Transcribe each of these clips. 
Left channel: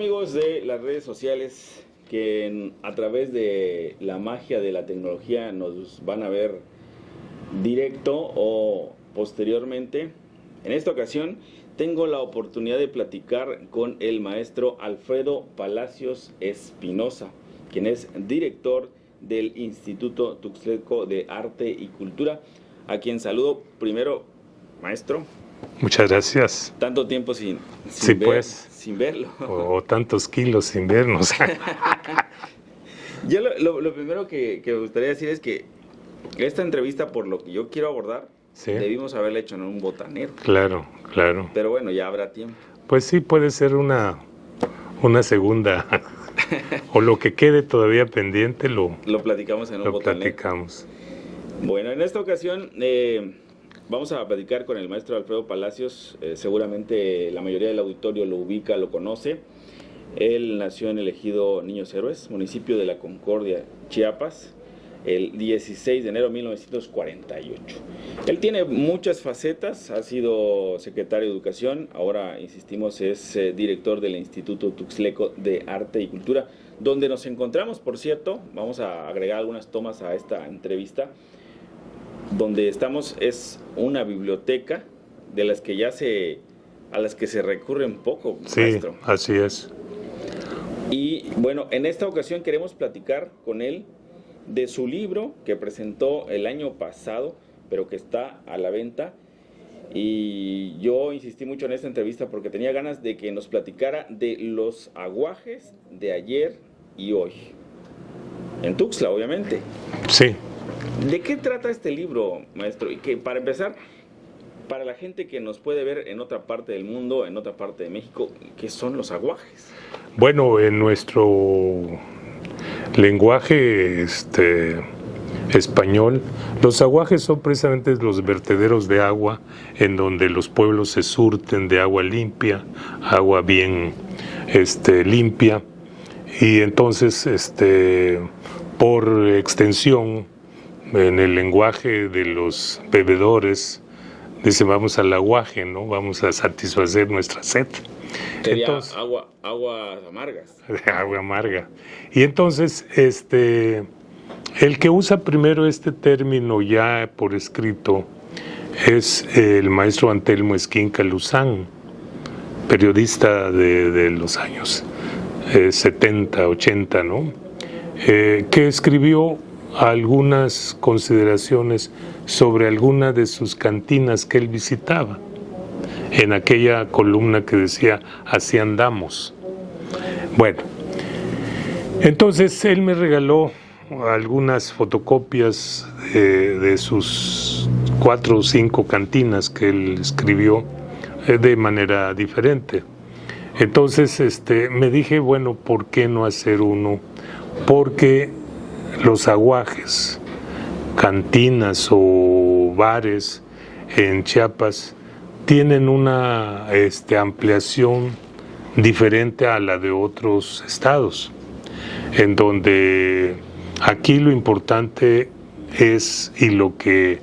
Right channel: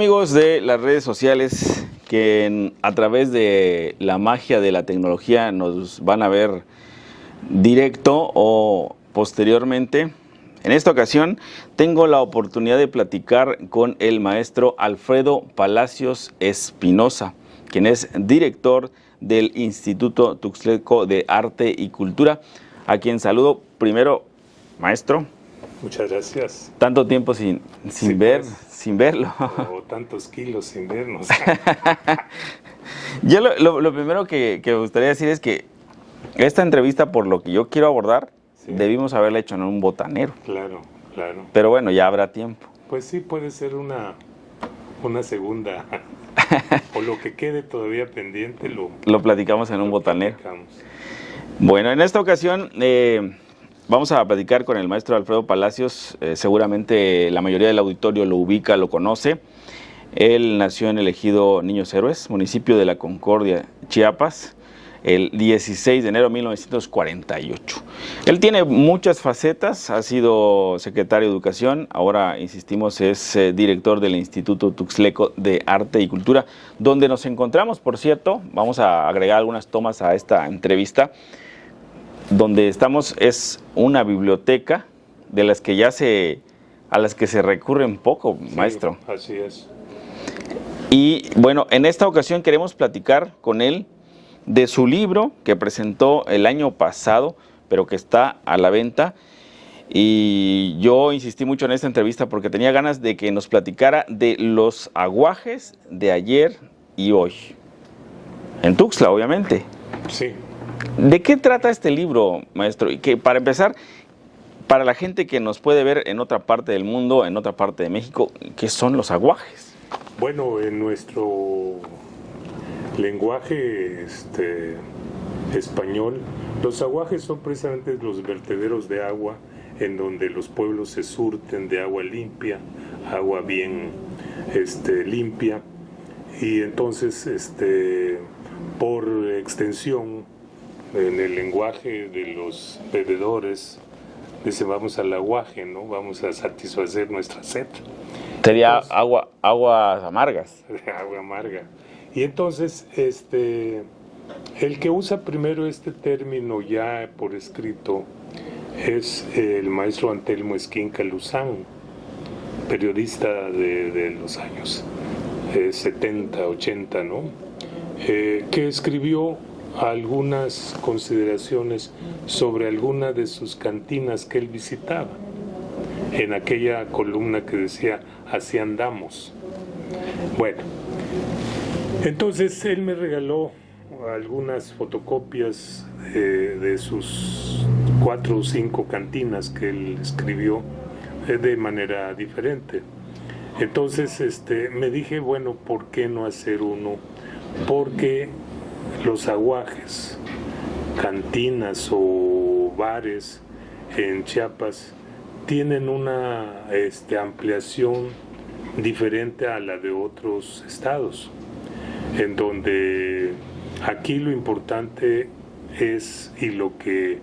amigos de las redes sociales que a través de la magia de la tecnología nos van a ver directo o posteriormente? En esta ocasión tengo la oportunidad de platicar con el maestro Alfredo Palacios Espinosa, quien es director del Instituto Tuxtleco de Arte y Cultura, a quien saludo primero, maestro. Muchas gracias. Tanto tiempo sin verlo. O tantos kilos sin vernos. Yo lo primero que me gustaría decir es que esta entrevista, por lo que yo quiero abordar, sí, debimos haberla hecho en un botanero. Claro, claro. Pero bueno, ya habrá tiempo. Pues sí, puede ser una segunda. O lo que quede todavía pendiente lo platicamos en un botanero. Bueno, en esta ocasión vamos a platicar con el maestro Alfredo Palacios. Seguramente la mayoría del auditorio lo ubica, lo conoce. Él nació en el ejido Niños Héroes, municipio de La Concordia, Chiapas, el 16 de enero de 1948. Él tiene muchas facetas, ha sido secretario de Educación, ahora, insistimos, es director del Instituto Tuxtleco de Arte y Cultura, donde nos encontramos, por cierto. Vamos a agregar algunas tomas a esta entrevista. Donde estamos es una biblioteca de las que a las que se recurre un poco, sí, maestro. Así es. Y bueno, en esta ocasión queremos platicar con él de su libro que presentó el año pasado, pero que está a la venta. Y yo insistí mucho en esta entrevista porque tenía ganas de que nos platicara de los aguajes de ayer y hoy. En Tuxtla, obviamente. Sí. ¿De qué trata este libro, maestro? Y que, para empezar, para la gente que nos puede ver en otra parte del mundo, en otra parte de México, ¿qué son los aguajes? Bueno, en nuestro lenguaje español, los aguajes son precisamente los vertederos de agua en donde los pueblos se surten de agua limpia, agua bien limpia, y entonces por extensión, en el lenguaje de los bebedores, dicen vamos al aguaje, ¿no? Vamos a satisfacer nuestra sed. Sería aguas amargas. Agua amarga. Y entonces, el que usa primero este término ya por escrito es el maestro Antelmo Esquinca Luzán, periodista de los años 70, 80, ¿no? Que escribió algunas consideraciones sobre alguna de sus cantinas que él visitaba, en aquella columna que decía "Así andamos". Bueno, entonces él me regaló algunas fotocopias de sus 4 o 5 cantinas que él escribió de manera diferente. Entonces me dije, bueno, ¿por qué no hacer uno? Porque los aguajes, cantinas o bares en Chiapas tienen una ampliación diferente a la de otros estados, en donde aquí lo importante es, y lo que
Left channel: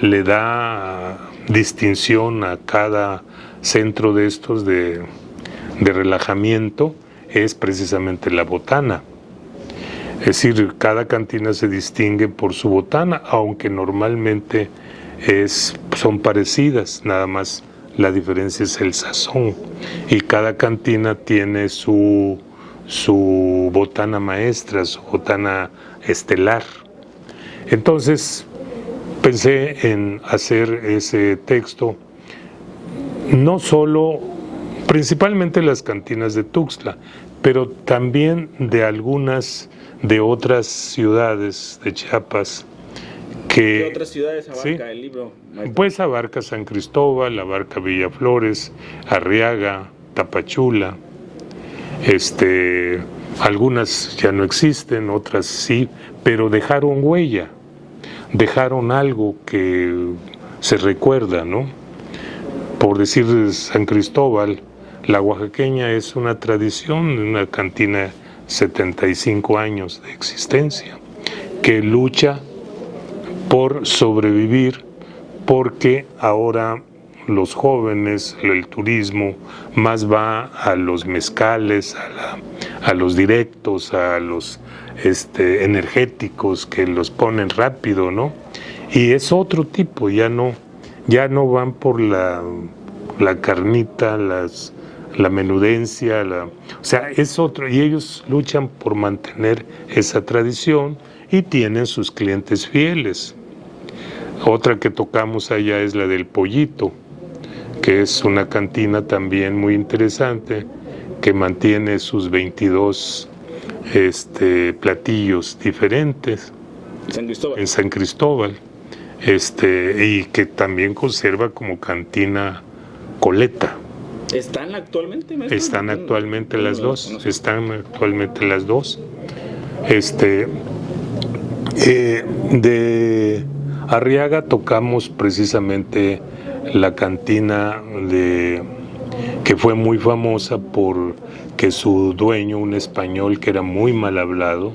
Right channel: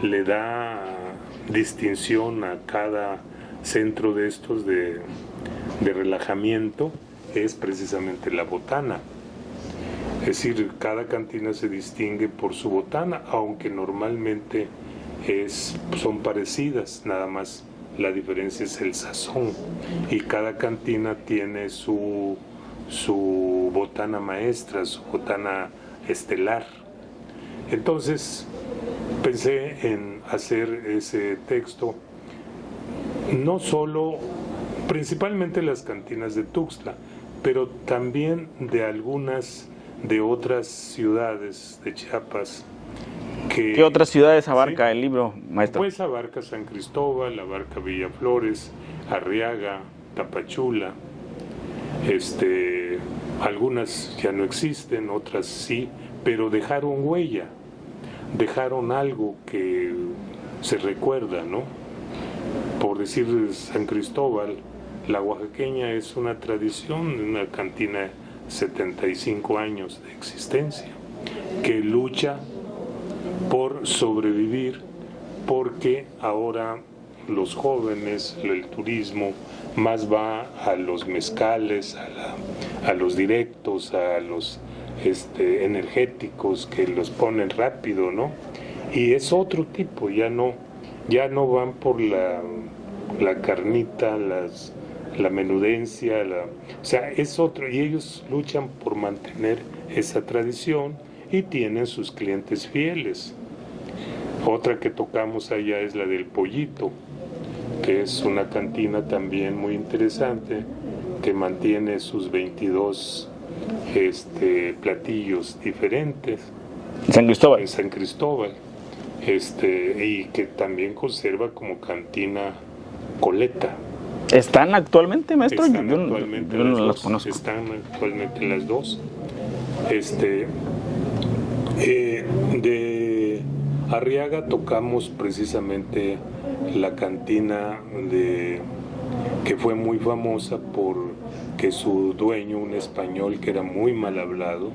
le da distinción a cada centro de estos de relajamiento, es precisamente la botana. Es decir, cada cantina se distingue por su botana, aunque normalmente son parecidas, nada más la diferencia es el sazón. Y cada cantina tiene su botana maestra, su botana estelar. Entonces pensé en hacer ese texto, no solo, principalmente las cantinas de Tuxtla, pero también de algunas de otras ciudades de Chiapas. ¿Qué otras ciudades abarca el libro, maestro? Pues abarca San Cristóbal, abarca Villaflores, Arriaga, Tapachula. Algunas ya no existen, otras sí, pero dejaron huella, dejaron algo que se recuerda, ¿no? Por decir San Cristóbal, la oaxaqueña es una tradición, una cantina 75 años de existencia, que lucha por sobrevivir porque ahora los jóvenes, el turismo, más va a los mezcales, a los directos, a los energéticos que los ponen rápido, ¿no? Y es otro tipo, ya no van por la carnita, la menudencia, o sea, es otro, y ellos luchan por mantener esa tradición y tienen sus clientes fieles. Otra que tocamos allá es la del Pollito, que es una cantina también muy interesante, que mantiene sus 22 platillos diferentes. San Cristóbal. En San Cristóbal. Y que también conserva como cantina Coleta. ¿Están actualmente, maestro? Están actualmente las dos. Están actualmente las dos. De Arriaga tocamos precisamente la cantina que fue muy famosa porque su dueño, un español que era muy mal hablado,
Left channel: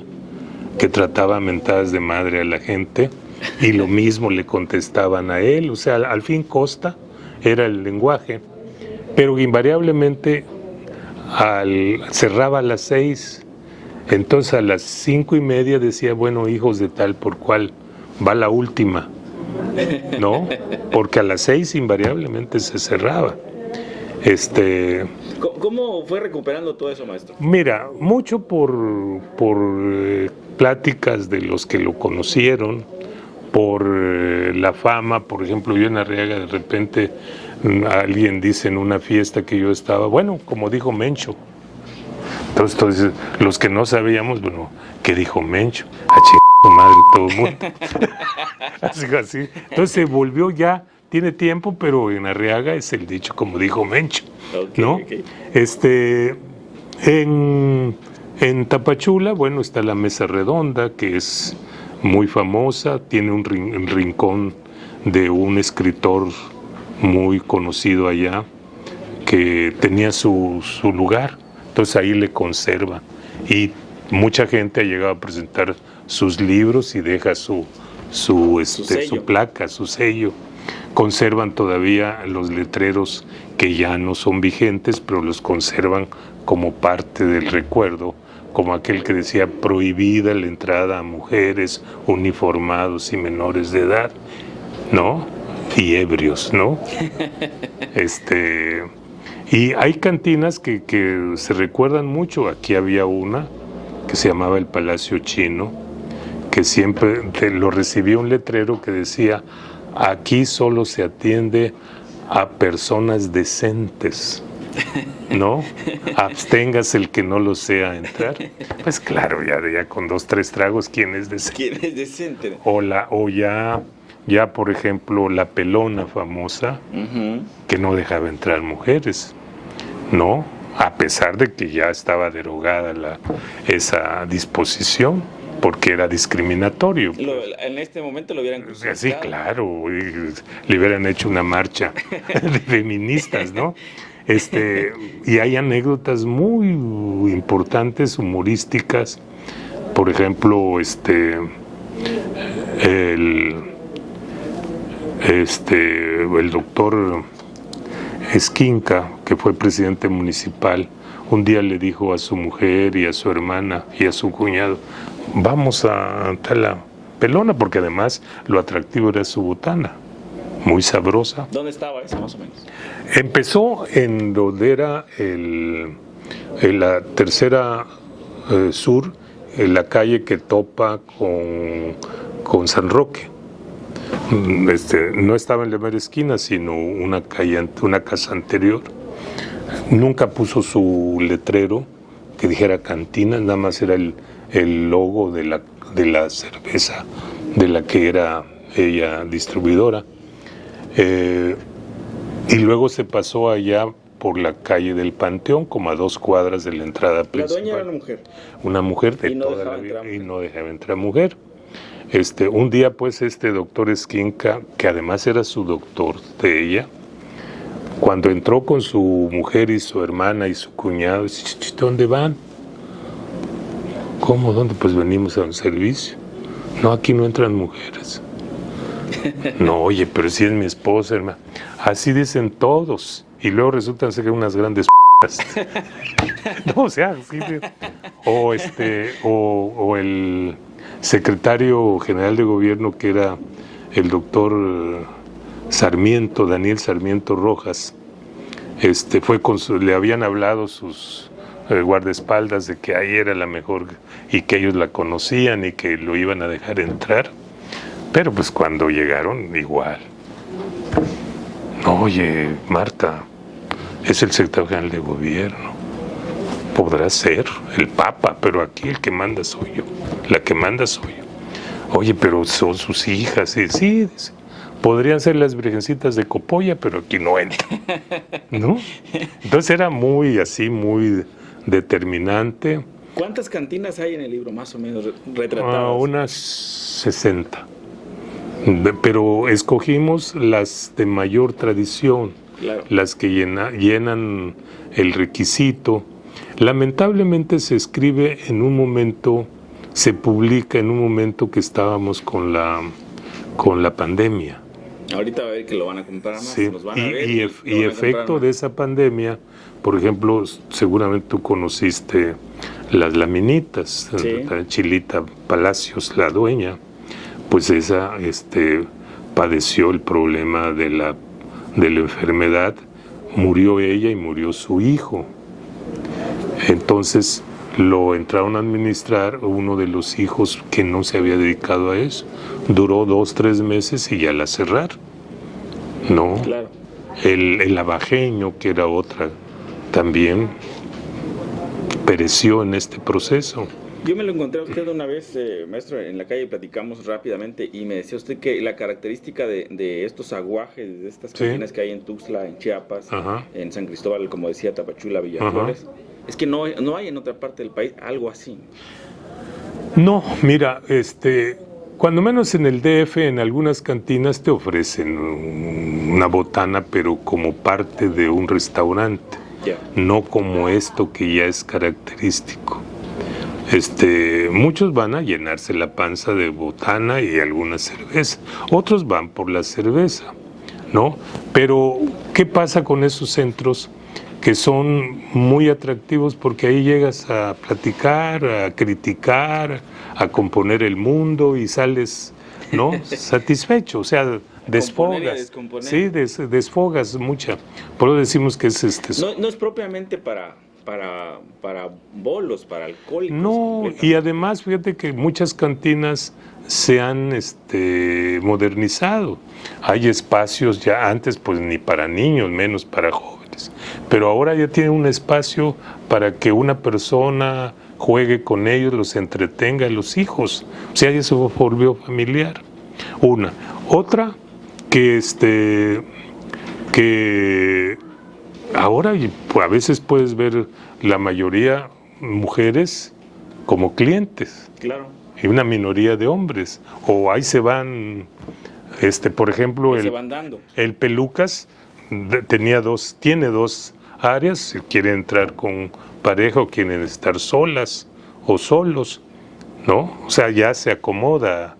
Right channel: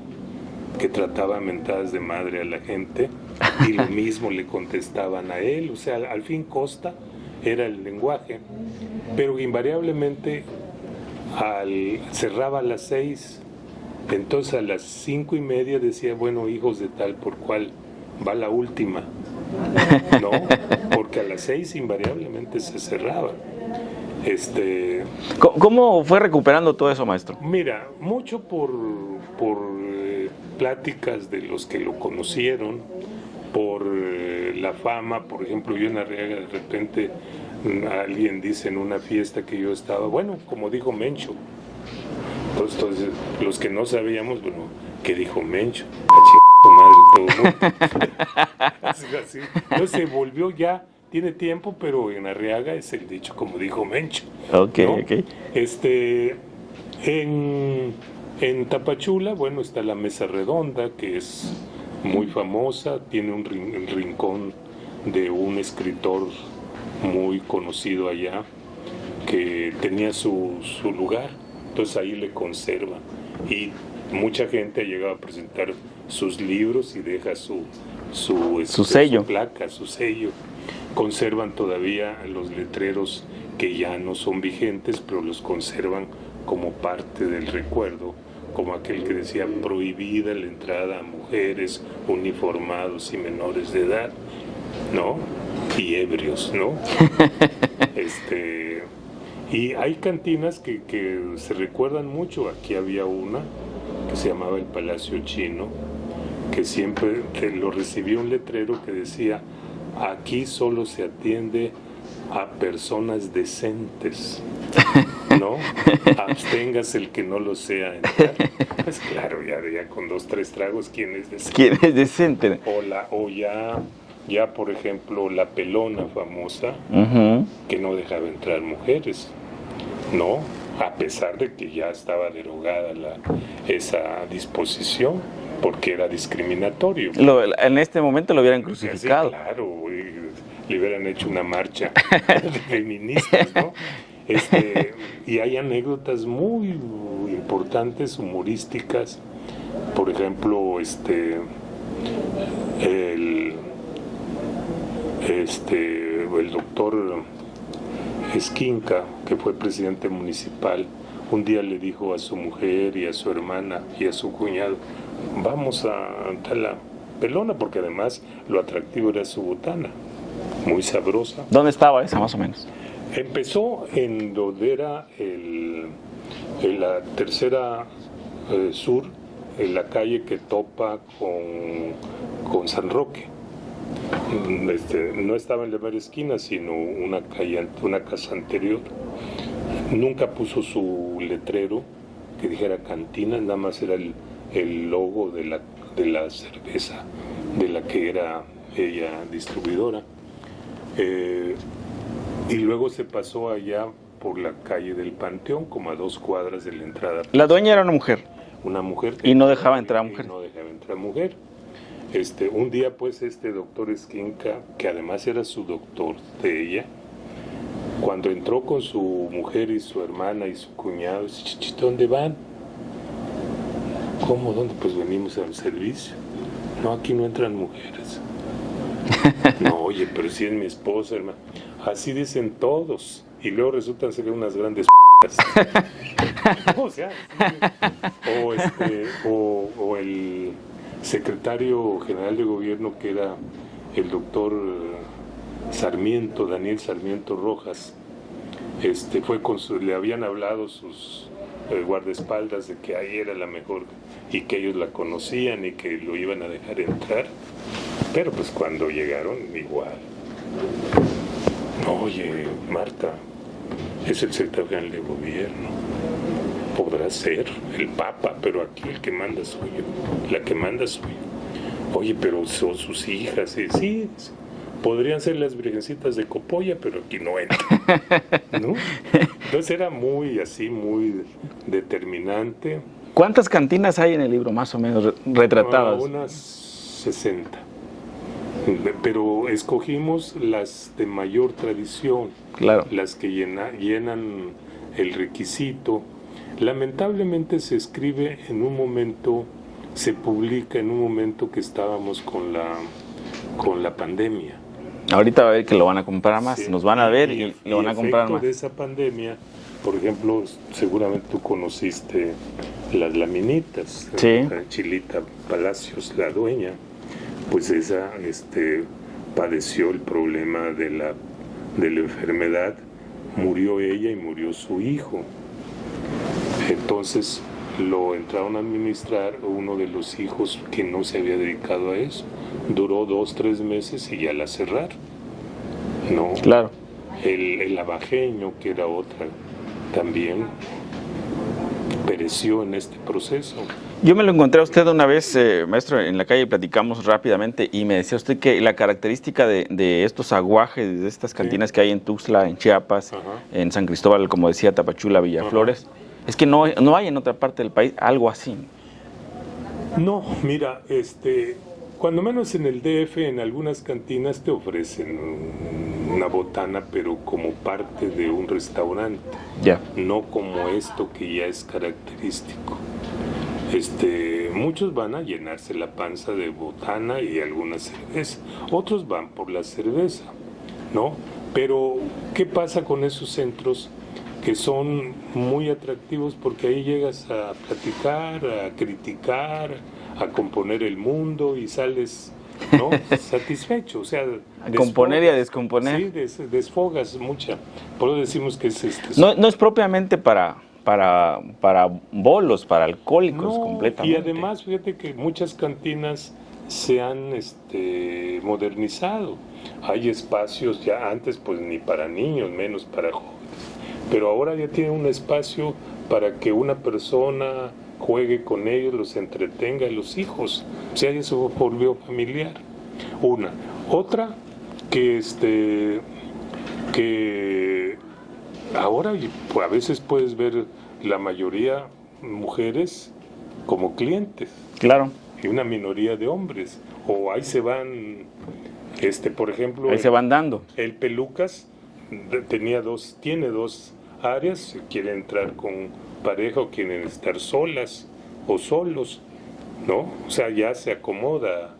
que trataba mentadas de madre a la gente, y lo mismo le contestaban a él, o sea, al fin Costa era el lenguaje, pero invariablemente cerraba a las 6, entonces a las 5:30 decía, bueno, hijos de tal por cual, va la última, ¿no? Porque a las 6 invariablemente se cerraba. ¿Cómo fue recuperando todo eso, maestro? Mira, mucho por pláticas de los que lo conocieron, por la fama. Por ejemplo, yo en Arriaga de repente alguien dice en una fiesta que yo estaba, bueno, como dijo Mencho. Entonces los que no sabíamos, bueno, ¿qué dijo Mencho? Madre todo el mundo. Así. Entonces se volvió ya, tiene tiempo, pero en Arriaga es el dicho como dijo Mencho. Okay, ¿no? okay. En Tapachula, bueno, está la Mesa Redonda, que es muy famosa, tiene un rincón de un escritor muy conocido allá, que tenía su lugar, entonces ahí le conserva. Y mucha gente ha llegado a presentar sus libros y deja su sello. Su placa, su sello. Conservan todavía los letreros que ya no son vigentes, pero los conservan como parte del recuerdo, como aquel que decía prohibida la entrada a mujeres, uniformados y menores de edad, ¿no? Y ebrios, ¿no? Y hay cantinas que se recuerdan mucho. Aquí había una que se llamaba el Palacio Chino, que siempre lo recibía un letrero que decía: aquí solo se atiende a personas decentes, ¿no? Absténgase el que no lo sea entrar. Pues claro, ya con 2, 3 tragos, ¿quién es decente? ¿Quién es decente? O ya por ejemplo, la Pelona famosa, que no dejaba entrar mujeres, ¿no? A pesar de que ya estaba derogada esa disposición, porque era discriminatorio. En este momento lo hubieran crucificado. Sí, claro, le hubieran hecho una marcha de feministas, ¿no? Y hay anécdotas muy importantes, humorísticas. Por ejemplo, el doctor Esquinca, que fue presidente municipal, un día le dijo a su mujer y a su hermana y a su cuñado: vamos a la Pelona, porque además lo atractivo era su botana, muy sabrosa. ¿Dónde estaba esa, más o menos? Empezó en donde era la tercera sur, en la calle que topa con San Roque. No estaba en la mera esquina, sino una casa anterior. Nunca puso su letrero que dijera cantina, nada más era el logo de la cerveza de la que era ella distribuidora. Y luego se pasó allá por la calle del Panteón, como a 2 cuadras de la entrada principal. La dueña era una mujer. Una mujer. Y no dejaba entrar mujer. Y no dejaba entrar mujer. Un día, pues, doctor Esquinca, que además era su doctor de ella, cuando entró con su mujer y su hermana y su cuñado, dice: ¿dónde van? ¿Cómo? ¿Dónde? Pues venimos a un servicio. No, aquí no entran mujeres. No, oye, pero si es mi esposa, hermano. Así dicen todos. Y luego resultan ser unas grandes no, o sea, sí, o el secretario general de gobierno, que era el doctor Sarmiento, Daniel Sarmiento Rojas, le habían hablado sus guardaespaldas de que ahí era la mejor y que ellos la conocían y que lo iban a dejar entrar, pero pues cuando llegaron, igual. Oye, Marta, es el secretario general de gobierno. Podrá ser el Papa, pero aquí el que manda soy yo. La que manda soy yo. Oye, pero son sus hijas. Sí, podrían ser las virgencitas de Copolla, pero aquí no entran, ¿no? Entonces era muy determinante. ¿Cuántas cantinas hay en el libro, más o menos, retratadas? Unas 60. Pero escogimos las de mayor tradición, claro, las que llenan el requisito. Lamentablemente se escribe en un momento, se publica en un momento que estábamos con la pandemia. Ahorita va a ver que lo van a comprar más, Sí. Nos van a ver y van a efecto más. de esa pandemia, por ejemplo, seguramente tú conociste las laminitas, Sí. Chilita Palacios, la dueña, pues esa padeció el problema de la enfermedad, murió ella y murió su hijo. Entonces lo entraron a administrar uno de los hijos que no se había dedicado a eso. Duró 2-3 meses y ya la cerraron, ¿no? Claro. El abajeño, que era otra, también pereció en este proceso. Yo me lo encontré a usted una vez, maestro, en la calle, platicamos rápidamente y me decía usted que la característica de estos aguajes, de estas cantinas que hay en Tuxtla, en Chiapas, en San Cristóbal, como decía, Tapachula, Villaflores, es que no hay en otra parte del país algo así. No, mira, cuando menos en el DF, en algunas cantinas te ofrecen una botana, pero como parte de un restaurante, no como esto que ya es característico. Muchos van a llenarse la panza de botana y alguna cerveza, otros van por la cerveza, ¿no? Pero, ¿qué pasa con esos centros que son muy atractivos? Porque ahí llegas a platicar, a criticar, a componer el mundo y sales, ¿no? satisfecho, o sea, componer y a descomponer. Sí, desfogas mucha. Por eso decimos que es no es propiamente para bolos, para alcohólicos. No, y además fíjate que muchas cantinas se han modernizado. Hay espacios ya antes, pues ni para niños, menos para jóvenes. Pero ahora ya tiene un espacio para que una persona juegue con ellos, los entretenga, los hijos. O sea, eso volvió familiar. Una. Otra, que ahora a veces puedes ver la mayoría mujeres como clientes. Claro. Y una minoría de hombres. O ahí se van, por ejemplo, se van dando. El Pelucas tiene dos áreas, si quiere entrar con pareja o quieren estar solas o solos, ¿no? O sea, ya se acomoda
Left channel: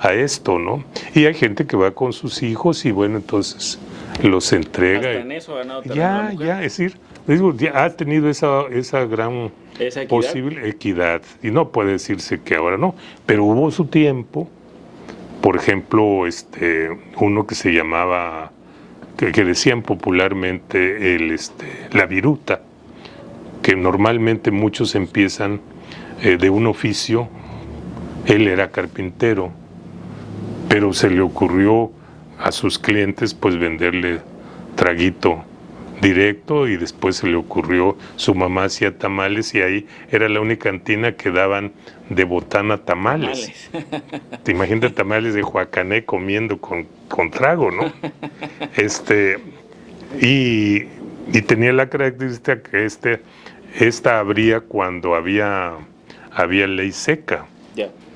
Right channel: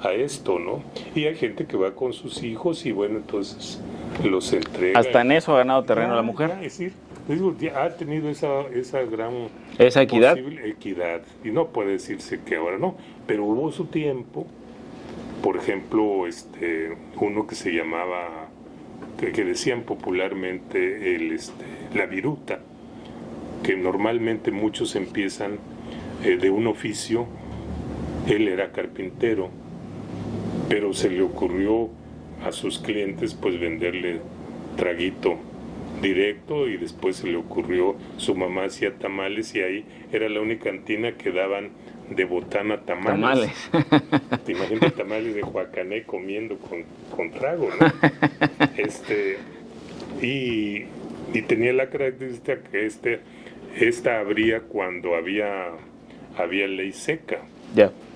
a esto, ¿no? Y hay gente que va con sus hijos y bueno, entonces los entrega. Hasta en eso ha ganado terreno la mujer. Ya, es decir, ya ha tenido esa gran equidad. Posible equidad. Y no puede decirse que ahora no, pero hubo su tiempo, por ejemplo, uno que se llamaba, que decían popularmente la viruta, que normalmente muchos empiezan de un oficio. Él era carpintero, pero se le ocurrió a sus clientes pues venderle traguito directo y después se le ocurrió, su mamá hacía tamales y ahí era la única cantina que daban de botana tamales. Te imaginas tamales de Huacané comiendo con trago, ¿no? Y tenía la característica que esta abría cuando había ley seca.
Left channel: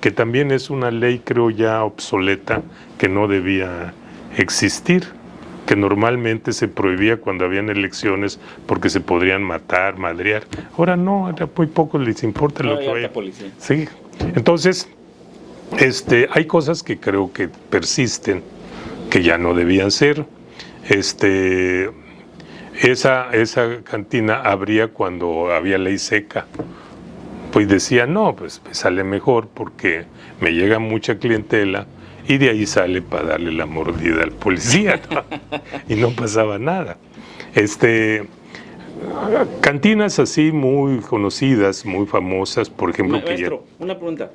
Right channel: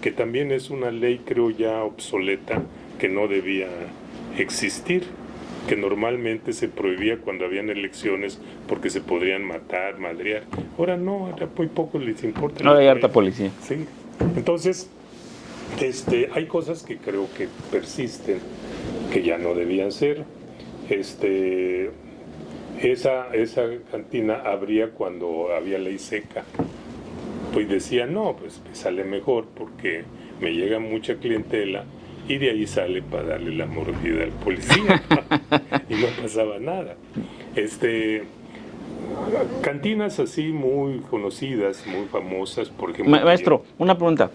Que también es una ley, creo, ya obsoleta, que no debía existir, que normalmente se prohibía cuando habían elecciones porque se podrían matar, madrear. Ahora no, era muy poco les importa. Ahora hay harta policía. Sí, entonces Hay cosas que creo que persisten, que ya no debían ser. Esa cantina abría cuando había ley seca. Pues decía, no, pues me sale mejor porque me llega mucha clientela y de ahí sale para darle la mordida al policía, ¿no? Y no pasaba nada. Cantinas así muy conocidas, muy famosas, por ejemplo. Maestro, una pregunta.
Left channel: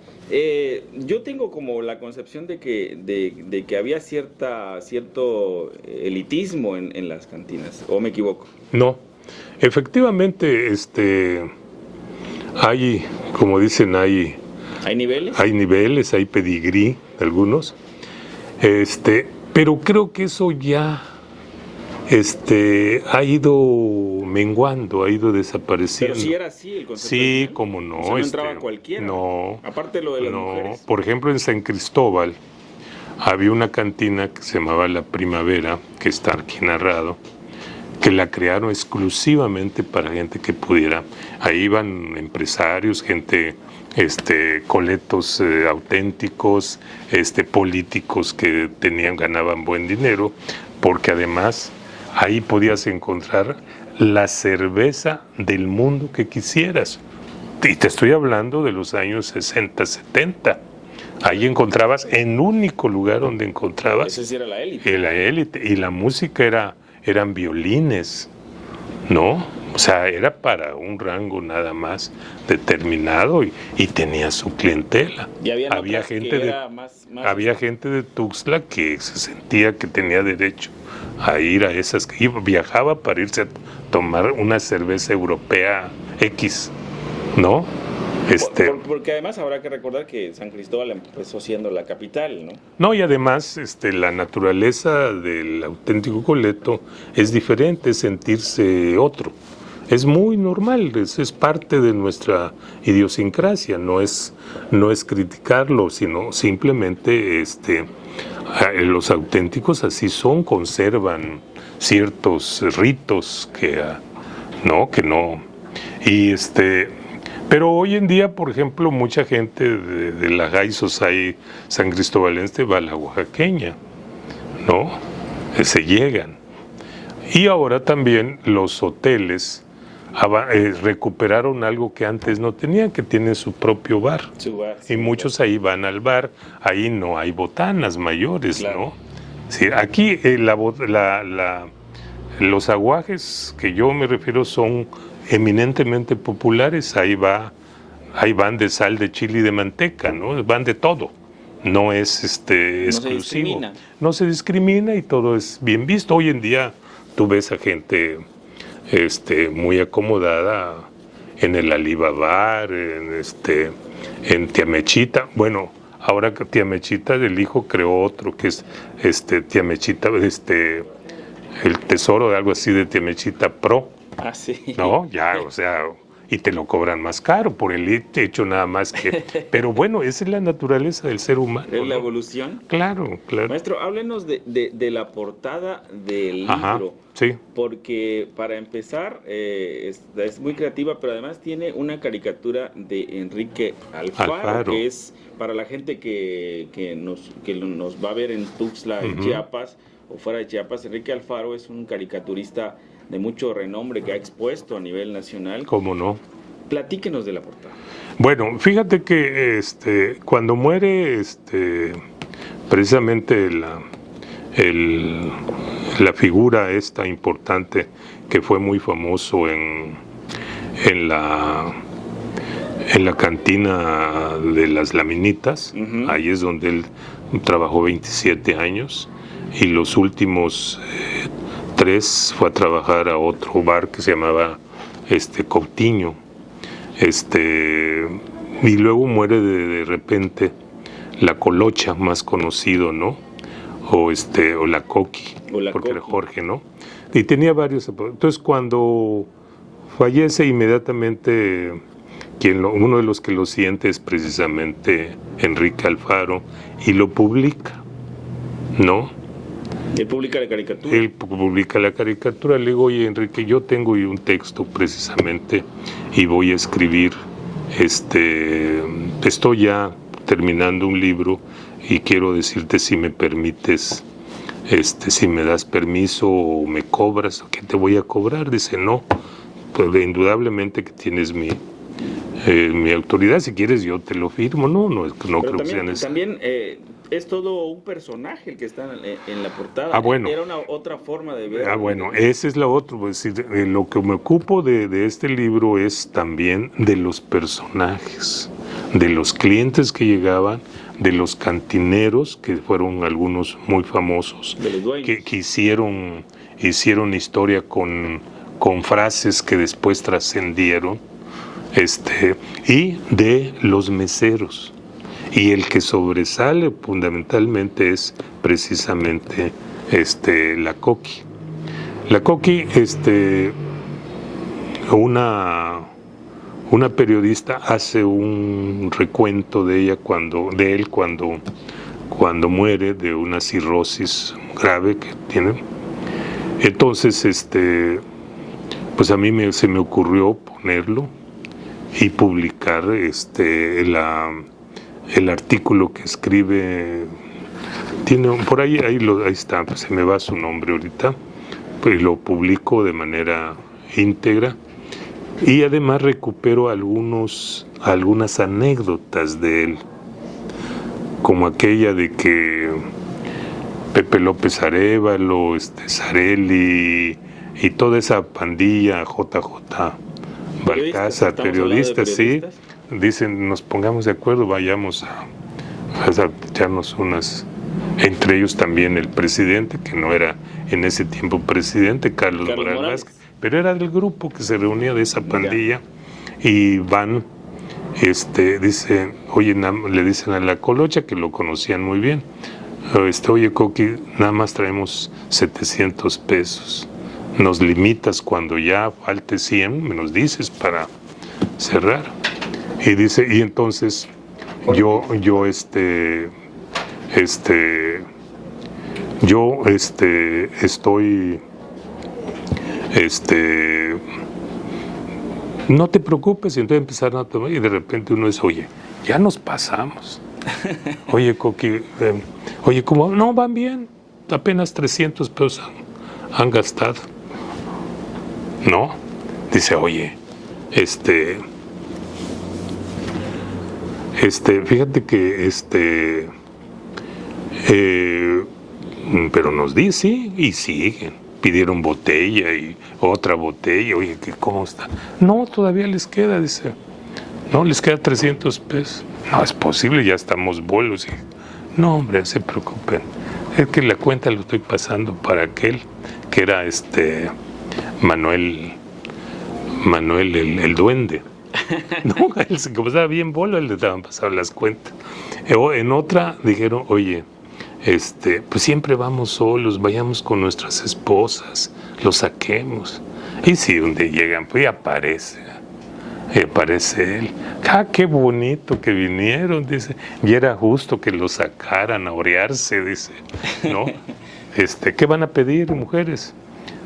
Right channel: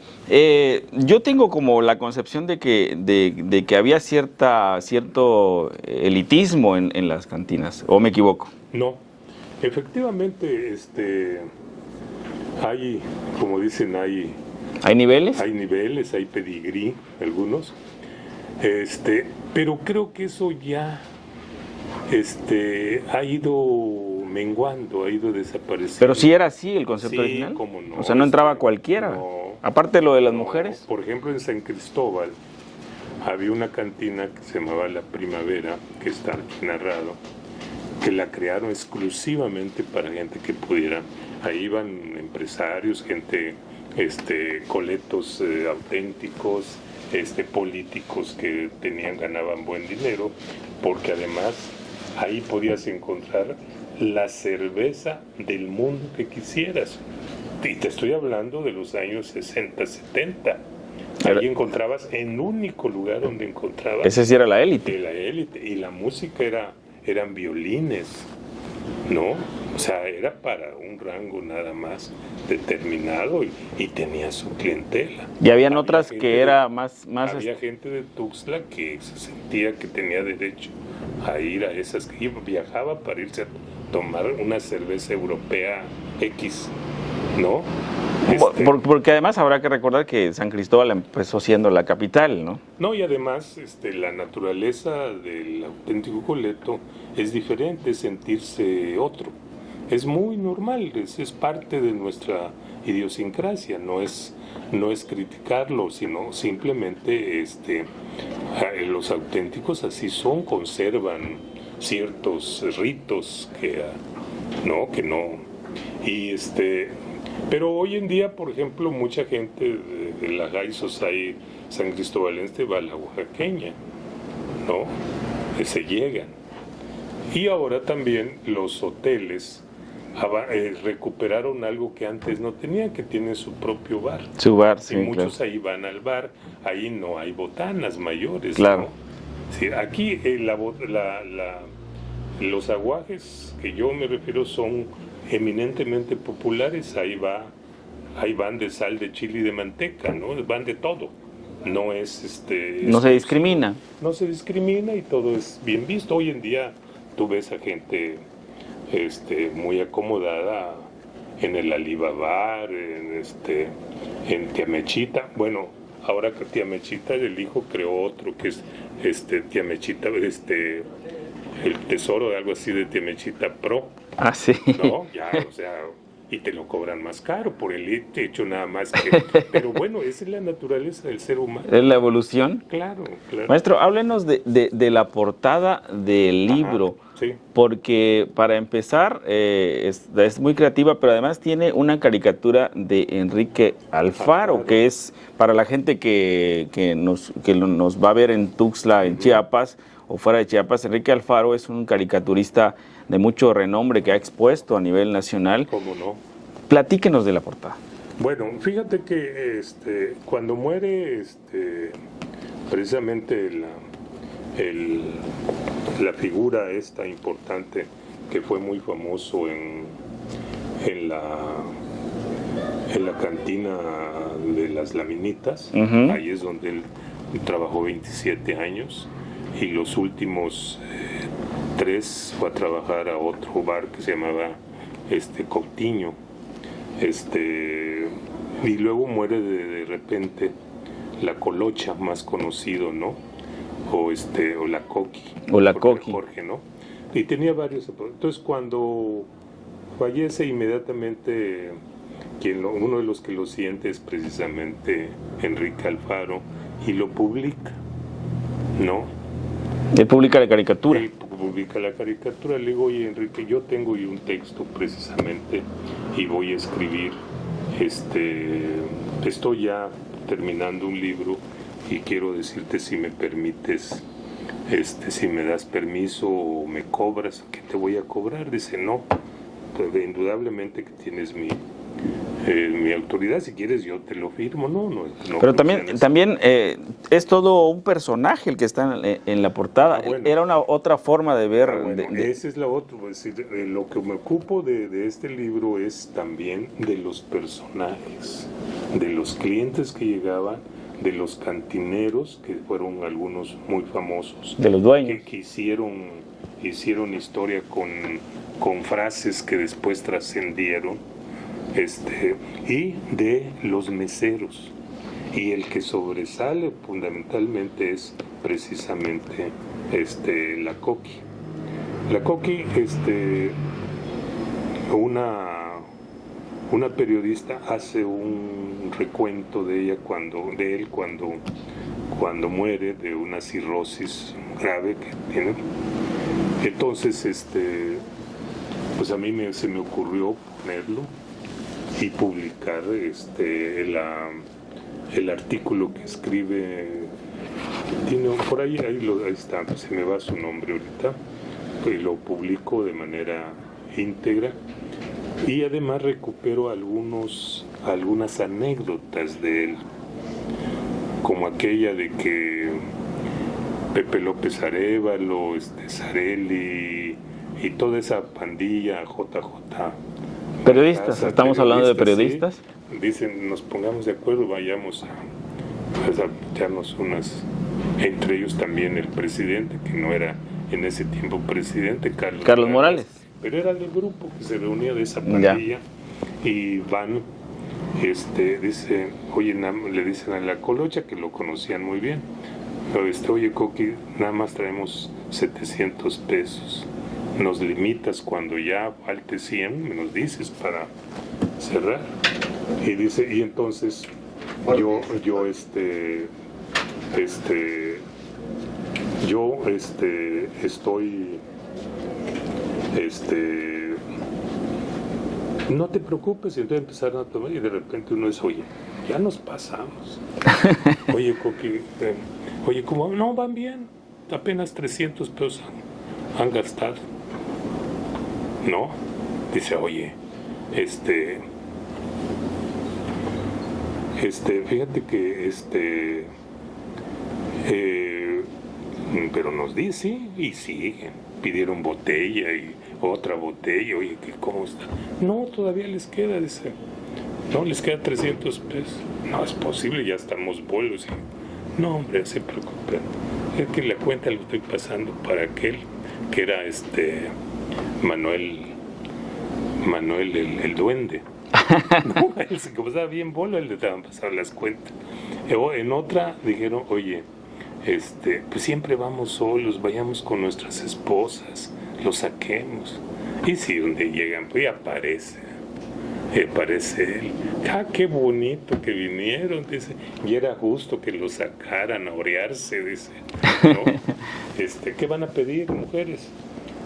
Yo tengo como la concepción de que había cierto elitismo en las cantinas, ¿o me equivoco? No, efectivamente, hay, como dicen, ¿Hay niveles? Hay niveles, hay pedigrí, algunos. Pero creo que eso ya ha ido menguando, ha ido desapareciendo. Pero sí era así el concepto original. Sí, cómo no. O sea, no entraba cualquiera. No. Aparte de lo de las no. mujeres. Por ejemplo, en San Cristóbal había una cantina que se llamaba La Primavera, que está aquí narrado, que la crearon exclusivamente para gente que pudiera. Ahí iban empresarios, gente, coletos auténticos, políticos que ganaban buen dinero, porque además ahí podías encontrar la cerveza del mundo que quisieras. Y te estoy hablando de los años 60, 70. Ahí encontrabas, en único lugar donde encontrabas. Ese sí era la élite. La élite. Y la música eran violines, ¿no? O sea, era para un rango nada más determinado y tenía su clientela. Y había otras que era más... Había gente de Tuxtla que se sentía que tenía derecho a ir a esas, que viajaba para irse a tomar una cerveza europea X, ¿no? Porque además habrá que recordar que San Cristóbal empezó siendo la capital, ¿no? No, y además la naturaleza del auténtico coleto es diferente, es sentirse otro. Es muy normal, es parte de nuestra idiosincrasia, no es criticarlo, sino simplemente los auténticos así son, conservan ciertos ritos que no. Y pero hoy en día, por ejemplo, mucha gente de la High Society san cristobalense va a la oaxaqueña, ¿no? Se llegan. Y ahora también los hoteles recuperaron algo que antes no tenían, que tienen su propio bar. Su bar, sí. Y muchos ahí van al bar, ahí no hay botanas mayores, claro. ¿no? Sí, aquí los aguajes que yo me refiero son eminentemente populares, ahí van de sal, de chile y de manteca, ¿no? Van de todo. No es no se discrimina. No se discrimina y todo es bien visto. Hoy en día tú ves a gente muy acomodada en el Alibabar, en Tía Mechita. Bueno, ahora que Tía Mechita del hijo creó otro que es Tía Mechita, el tesoro de algo así de Tía Mechita Pro. Ah, sí. No, ya, o sea, y te lo cobran más caro por el hecho nada más que... Pero bueno, esa es la naturaleza del ser humano. ¿Es la evolución? Claro. Maestro, háblenos de la portada del libro. Ajá, sí. Porque para empezar, es muy creativa, pero además tiene una caricatura de Enrique Alfaro, que es para la gente que nos va a ver en Tuxtla, en Chiapas, o fuera de Chiapas. Enrique Alfaro es un caricaturista de mucho renombre que ha expuesto a nivel nacional. ¿Cómo no? Platíquenos de la portada. Bueno, fíjate que cuando muere precisamente la figura esta importante que fue muy famoso en la cantina de las Laminitas, ahí es donde él trabajó 27 años y los últimos 3 fue a trabajar a otro bar que se llamaba Coutinho, y luego muere de repente la Colocha, más conocido, ¿no? O la Coqui, o la porque Coqui. era Jorge, ¿no? Y tenía varios. Entonces cuando fallece inmediatamente, uno de los que lo siente es precisamente Enrique Alfaro y lo publica, ¿no? Él publica la caricatura. Él publica la caricatura. Le digo, oye, Enrique, yo tengo un texto precisamente y voy a escribir, estoy ya terminando un libro y quiero decirte si me permites, si me das permiso o me cobras, ¿qué te voy a cobrar? Dice, no, pues indudablemente que tienes mi autoridad, si quieres yo te lo firmo. No pero también es todo un personaje el que está en la portada. Bueno. Era otra forma de ver. Bueno, esa es la otra. Pues, lo que me ocupo de este libro es también de los personajes, de los clientes que llegaban, de los cantineros, que fueron algunos muy famosos, de los dueños, que hicieron historia con frases que después trascendieron, y de los meseros. Y el que sobresale fundamentalmente es precisamente la Coqui. La Coqui, una periodista hace un recuento de ella cuando muere de una cirrosis grave que tiene. Entonces, pues a mí se me ocurrió ponerlo y publicar el artículo que escribe. Tiene por ahí está, pues se me va su nombre ahorita, pues lo publico de manera íntegra y además recupero algunas anécdotas de él, como aquella de que Pepe López Arévalo, Sarelli y toda esa pandilla, JJ periodistas, estamos hablando de periodistas. Sí, dicen, nos pongamos de acuerdo, vayamos a echarnos unas, entre ellos también el presidente, que no era en ese tiempo presidente, Carlos Morales, pero era del grupo que se reunía de esa pandilla. Y van, dice, oye, le dicen a la Colocha, que lo conocían muy bien, oye, Coqui, nada más traemos 700 pesos. Nos limitas cuando ya falte 100, me los dices para cerrar. Y dice, y entonces yo estoy, no te preocupes. Y entonces empezaron a tomar y de repente uno dice, oye, ya nos pasamos. Oye, Coqui, oye, ¿cómo? No, van bien, apenas 300 pesos han gastado. No, dice, oye, fíjate que pero nos dice, sí, y siguen, pidieron botella y otra botella, oye, ¿cómo está? No, todavía les queda, dice, no, les queda 300 pesos. No, es posible, ya estamos bolos. No, hombre, se preocupen, es que la cuenta lo estoy pasando para aquel que era Manuel el duende. No, él se estaba bien bolo, le estaban pasando las cuentas. En otra dijeron, oye, pues siempre vamos solos, vayamos con nuestras esposas, los saquemos. Y si donde llegan, pues aparece él. ¡Ah, qué bonito que vinieron! Dice, y era justo que los sacaran a orearse, dice, ¿no? ¿Qué van a pedir, mujeres?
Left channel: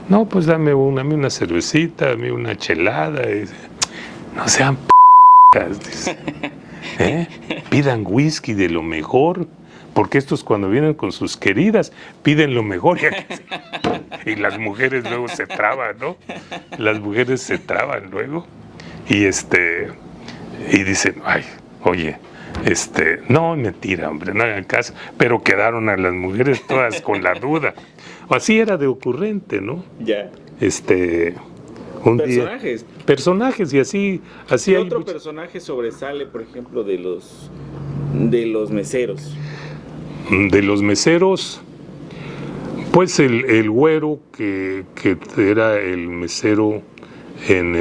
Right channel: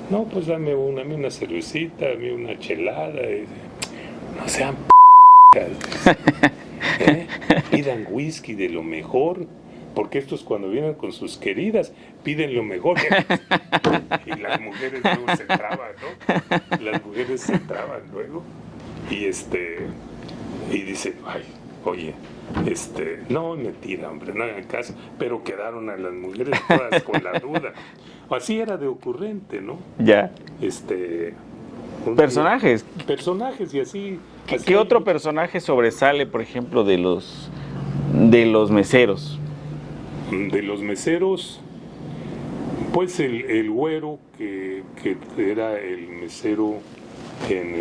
No, pues dame una cervecita, dame una chelada. Dice, no sean dice, pidan whisky de lo mejor, porque estos cuando vienen con sus queridas piden lo mejor. Y las mujeres luego se traban, ¿no? Las mujeres se traban luego. Y y dicen, ay, oye, no, mentira, hombre, no hagan caso. Pero quedaron a las mujeres todas con la duda. Así era de ocurrente, ¿no? Ya. Personajes. Personajes, y así ¿Qué otro personaje sobresale, por ejemplo, de los meseros? De los meseros, pues el güero que era el mesero en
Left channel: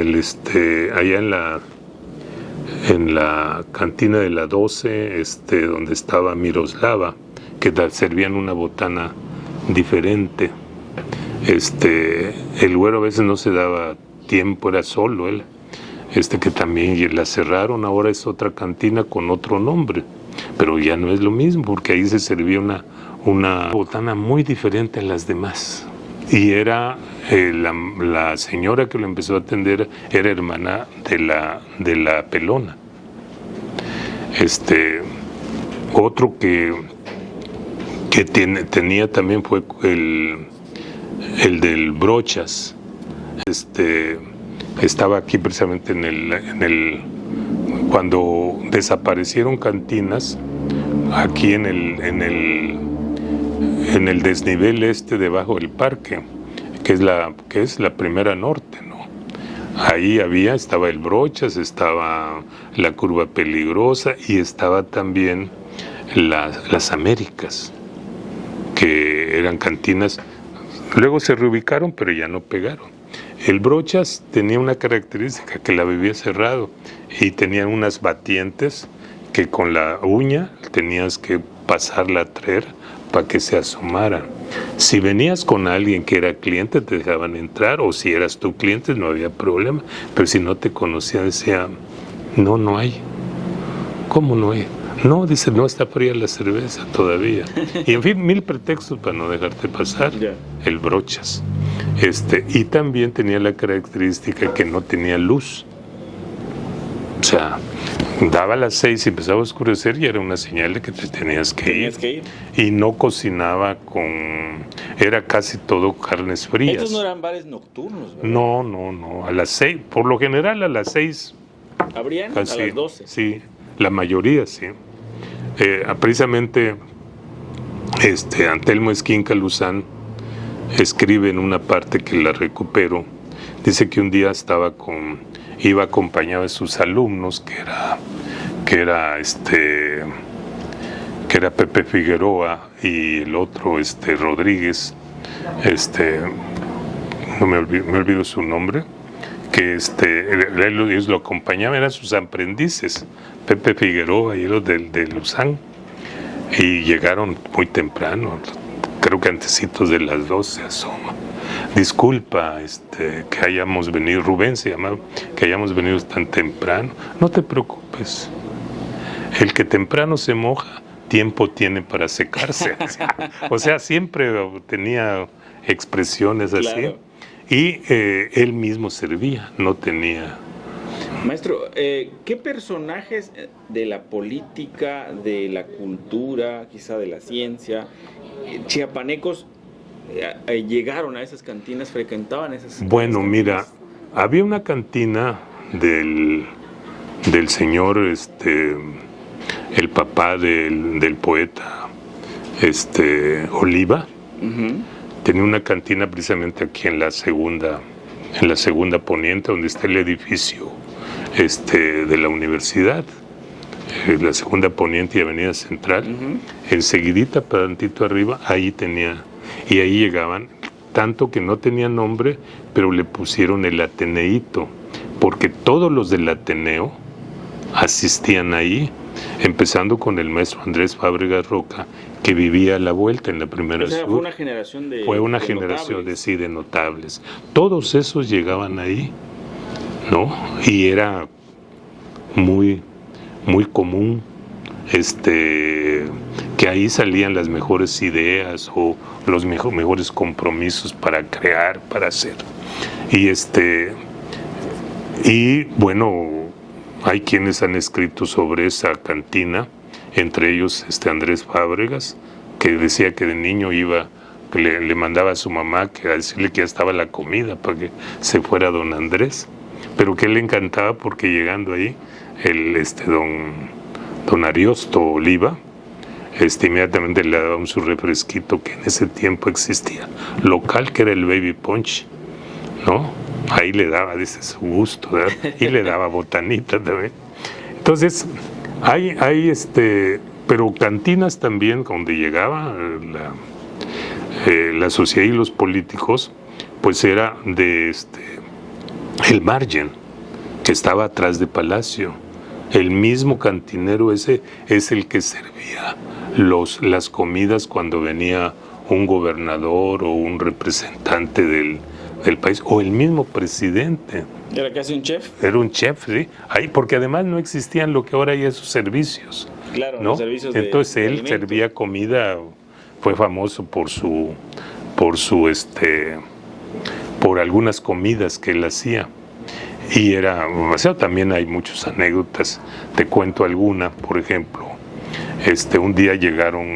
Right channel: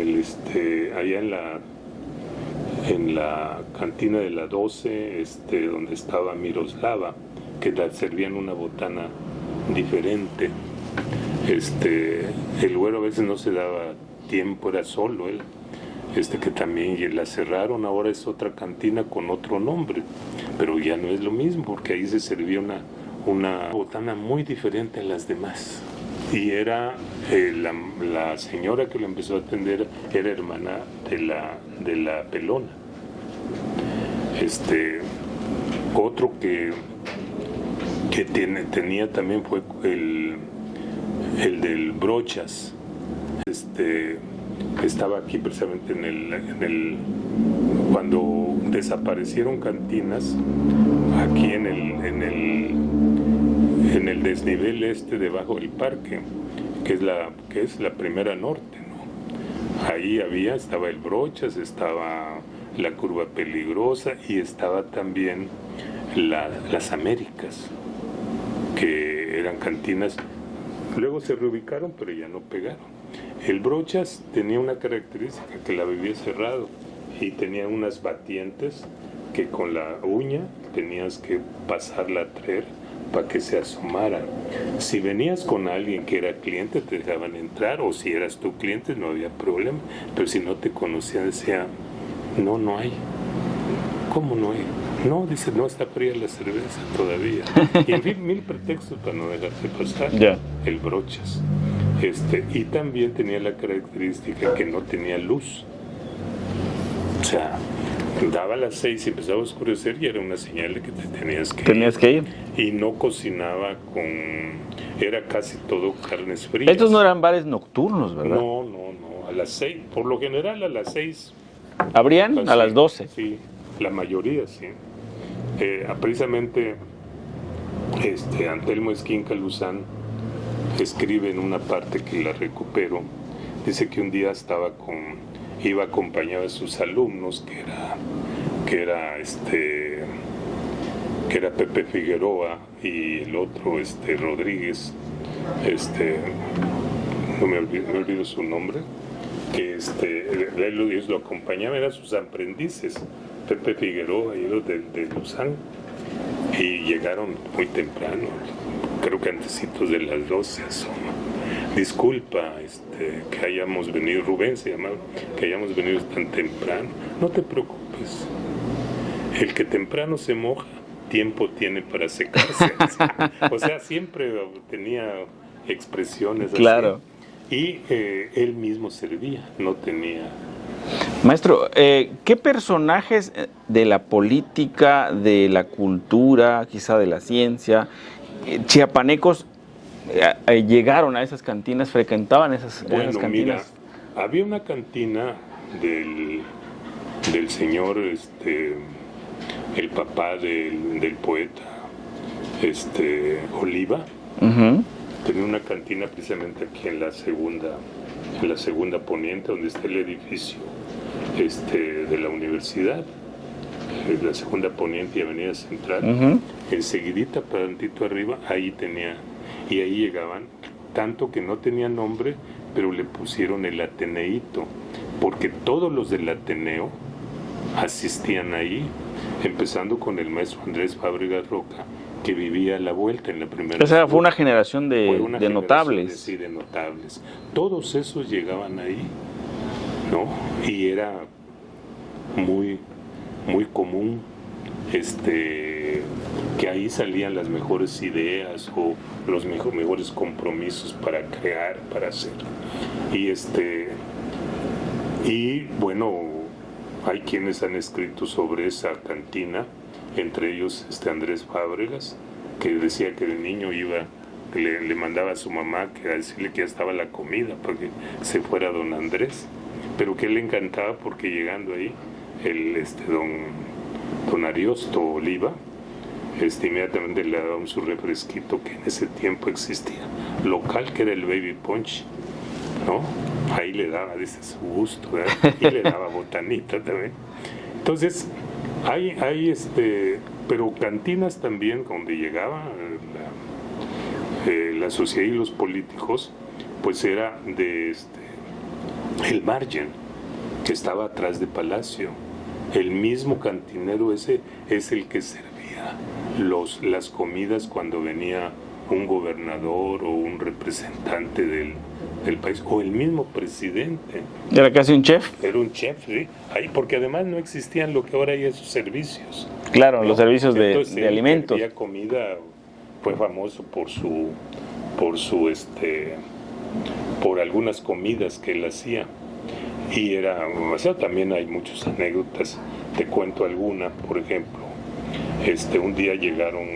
allá en la cantina de la 12, donde estaba Miroslava, que servían una botana diferente. El güero a veces no se daba tiempo, era solo él, que también la cerraron. Ahora es otra cantina con otro nombre, pero ya no es lo mismo, porque ahí se servía una botana muy diferente a las demás. Y era la señora que lo empezó a atender, era hermana de la pelona. Otro que tenía también fue el del Brochas. Estaba aquí precisamente cuando desaparecieron cantinas, aquí en el desnivel debajo del parque, que es la primera norte, ¿no? Ahí estaba el Brochas, estaba la Curva Peligrosa y estaba también las Américas, que eran cantinas. Luego se reubicaron, pero ya no pegaron. El Brochas tenía una característica, que la bebía cerrado y tenía unas batientes que con la uña tenías que pasarla a traer para que se asomaran. Si venías con alguien que era cliente, te dejaban entrar, o si eras tu cliente no había problema, pero si no te conocían decía, no hay. ¿Cómo no hay? No, dice, no está fría la cerveza todavía. Y en fin, 1000 pretextos para no dejarte pasar. El Brochas. Y también tenía la característica que no tenía luz. O sea, daba las 6 y empezaba a oscurecer y era una señal de que te tenías que ir. Y no cocinaba era casi todo carnes frías. Estos no eran bares nocturnos, ¿verdad? No. A las 6, por lo general a las 6. ¿Abrían? A las 12. Sí, la mayoría, sí. Precisamente, Antelmo Esquinca Luzán escribe en una parte que la recupero, dice que un día iba acompañado de sus alumnos, que era Pepe Figueroa y el otro Rodríguez, no me olvido su nombre, que ellos lo acompañaban, eran sus aprendices, Pepe Figueroa y los de Luzán, y llegaron muy temprano, creo que antecitos de las 12 asoma. Disculpa que hayamos venido, Rubén se llamaba, que hayamos venido tan temprano. No te preocupes, el que temprano se moja, tiempo tiene para secarse. O sea, siempre tenía expresiones así. Claro. Y él mismo servía, no tenía... Maestro, ¿qué personajes de la política, de la cultura, quizá de la ciencia, chiapanecos llegaron a esas cantinas, frecuentaban esas cantinas? Bueno, mira, había una cantina del señor, el papá del poeta, Oliva. Uh-huh. Tenía una cantina precisamente aquí en la segunda poniente, donde está el edificio de la universidad, la segunda poniente y avenida Central. Uh-huh. Enseguidita, tantito arriba, ahí llegaban, tanto que no tenía nombre, pero le pusieron el Ateneíto, porque todos los del Ateneo asistían ahí, empezando con el maestro Andrés Fábregas Roca, que vivía a la vuelta en la primera. O sea, fue una generación de notables. De notables. Todos esos llegaban ahí, ¿no? Y era muy, muy común que ahí salían las mejores ideas o los mejores compromisos para crear, para hacer. Y bueno, hay quienes han escrito sobre esa cantina, entre ellos Andrés Fábregas, que decía que de niño le mandaba a su mamá a decirle que ya estaba la comida para que se fuera don Andrés, pero que él le encantaba porque llegando ahí don Ariosto Oliva, inmediatamente le daba su refresquito, que en ese tiempo existía local, que era el Baby Punch, ¿no? Ahí le daba, dice, su gusto, ¿verdad? Y le daba botanita también. Entonces, hay pero cantinas también donde llegaba la sociedad y los políticos, pues era el Margen, que estaba atrás de Palacio. El mismo cantinero ese es el que servía las comidas cuando venía un gobernador o un representante del país, o el mismo presidente. ¿Era casi un chef? Era un chef, sí. Ahí, porque además no existían lo que ahora hay esos servicios. Claro, ¿no? Los servicios de Entonces él alimentos. servía comida, fue famoso por algunas comidas que él hacía. Y también hay muchas anécdotas, te cuento alguna, por ejemplo, Un día llegaron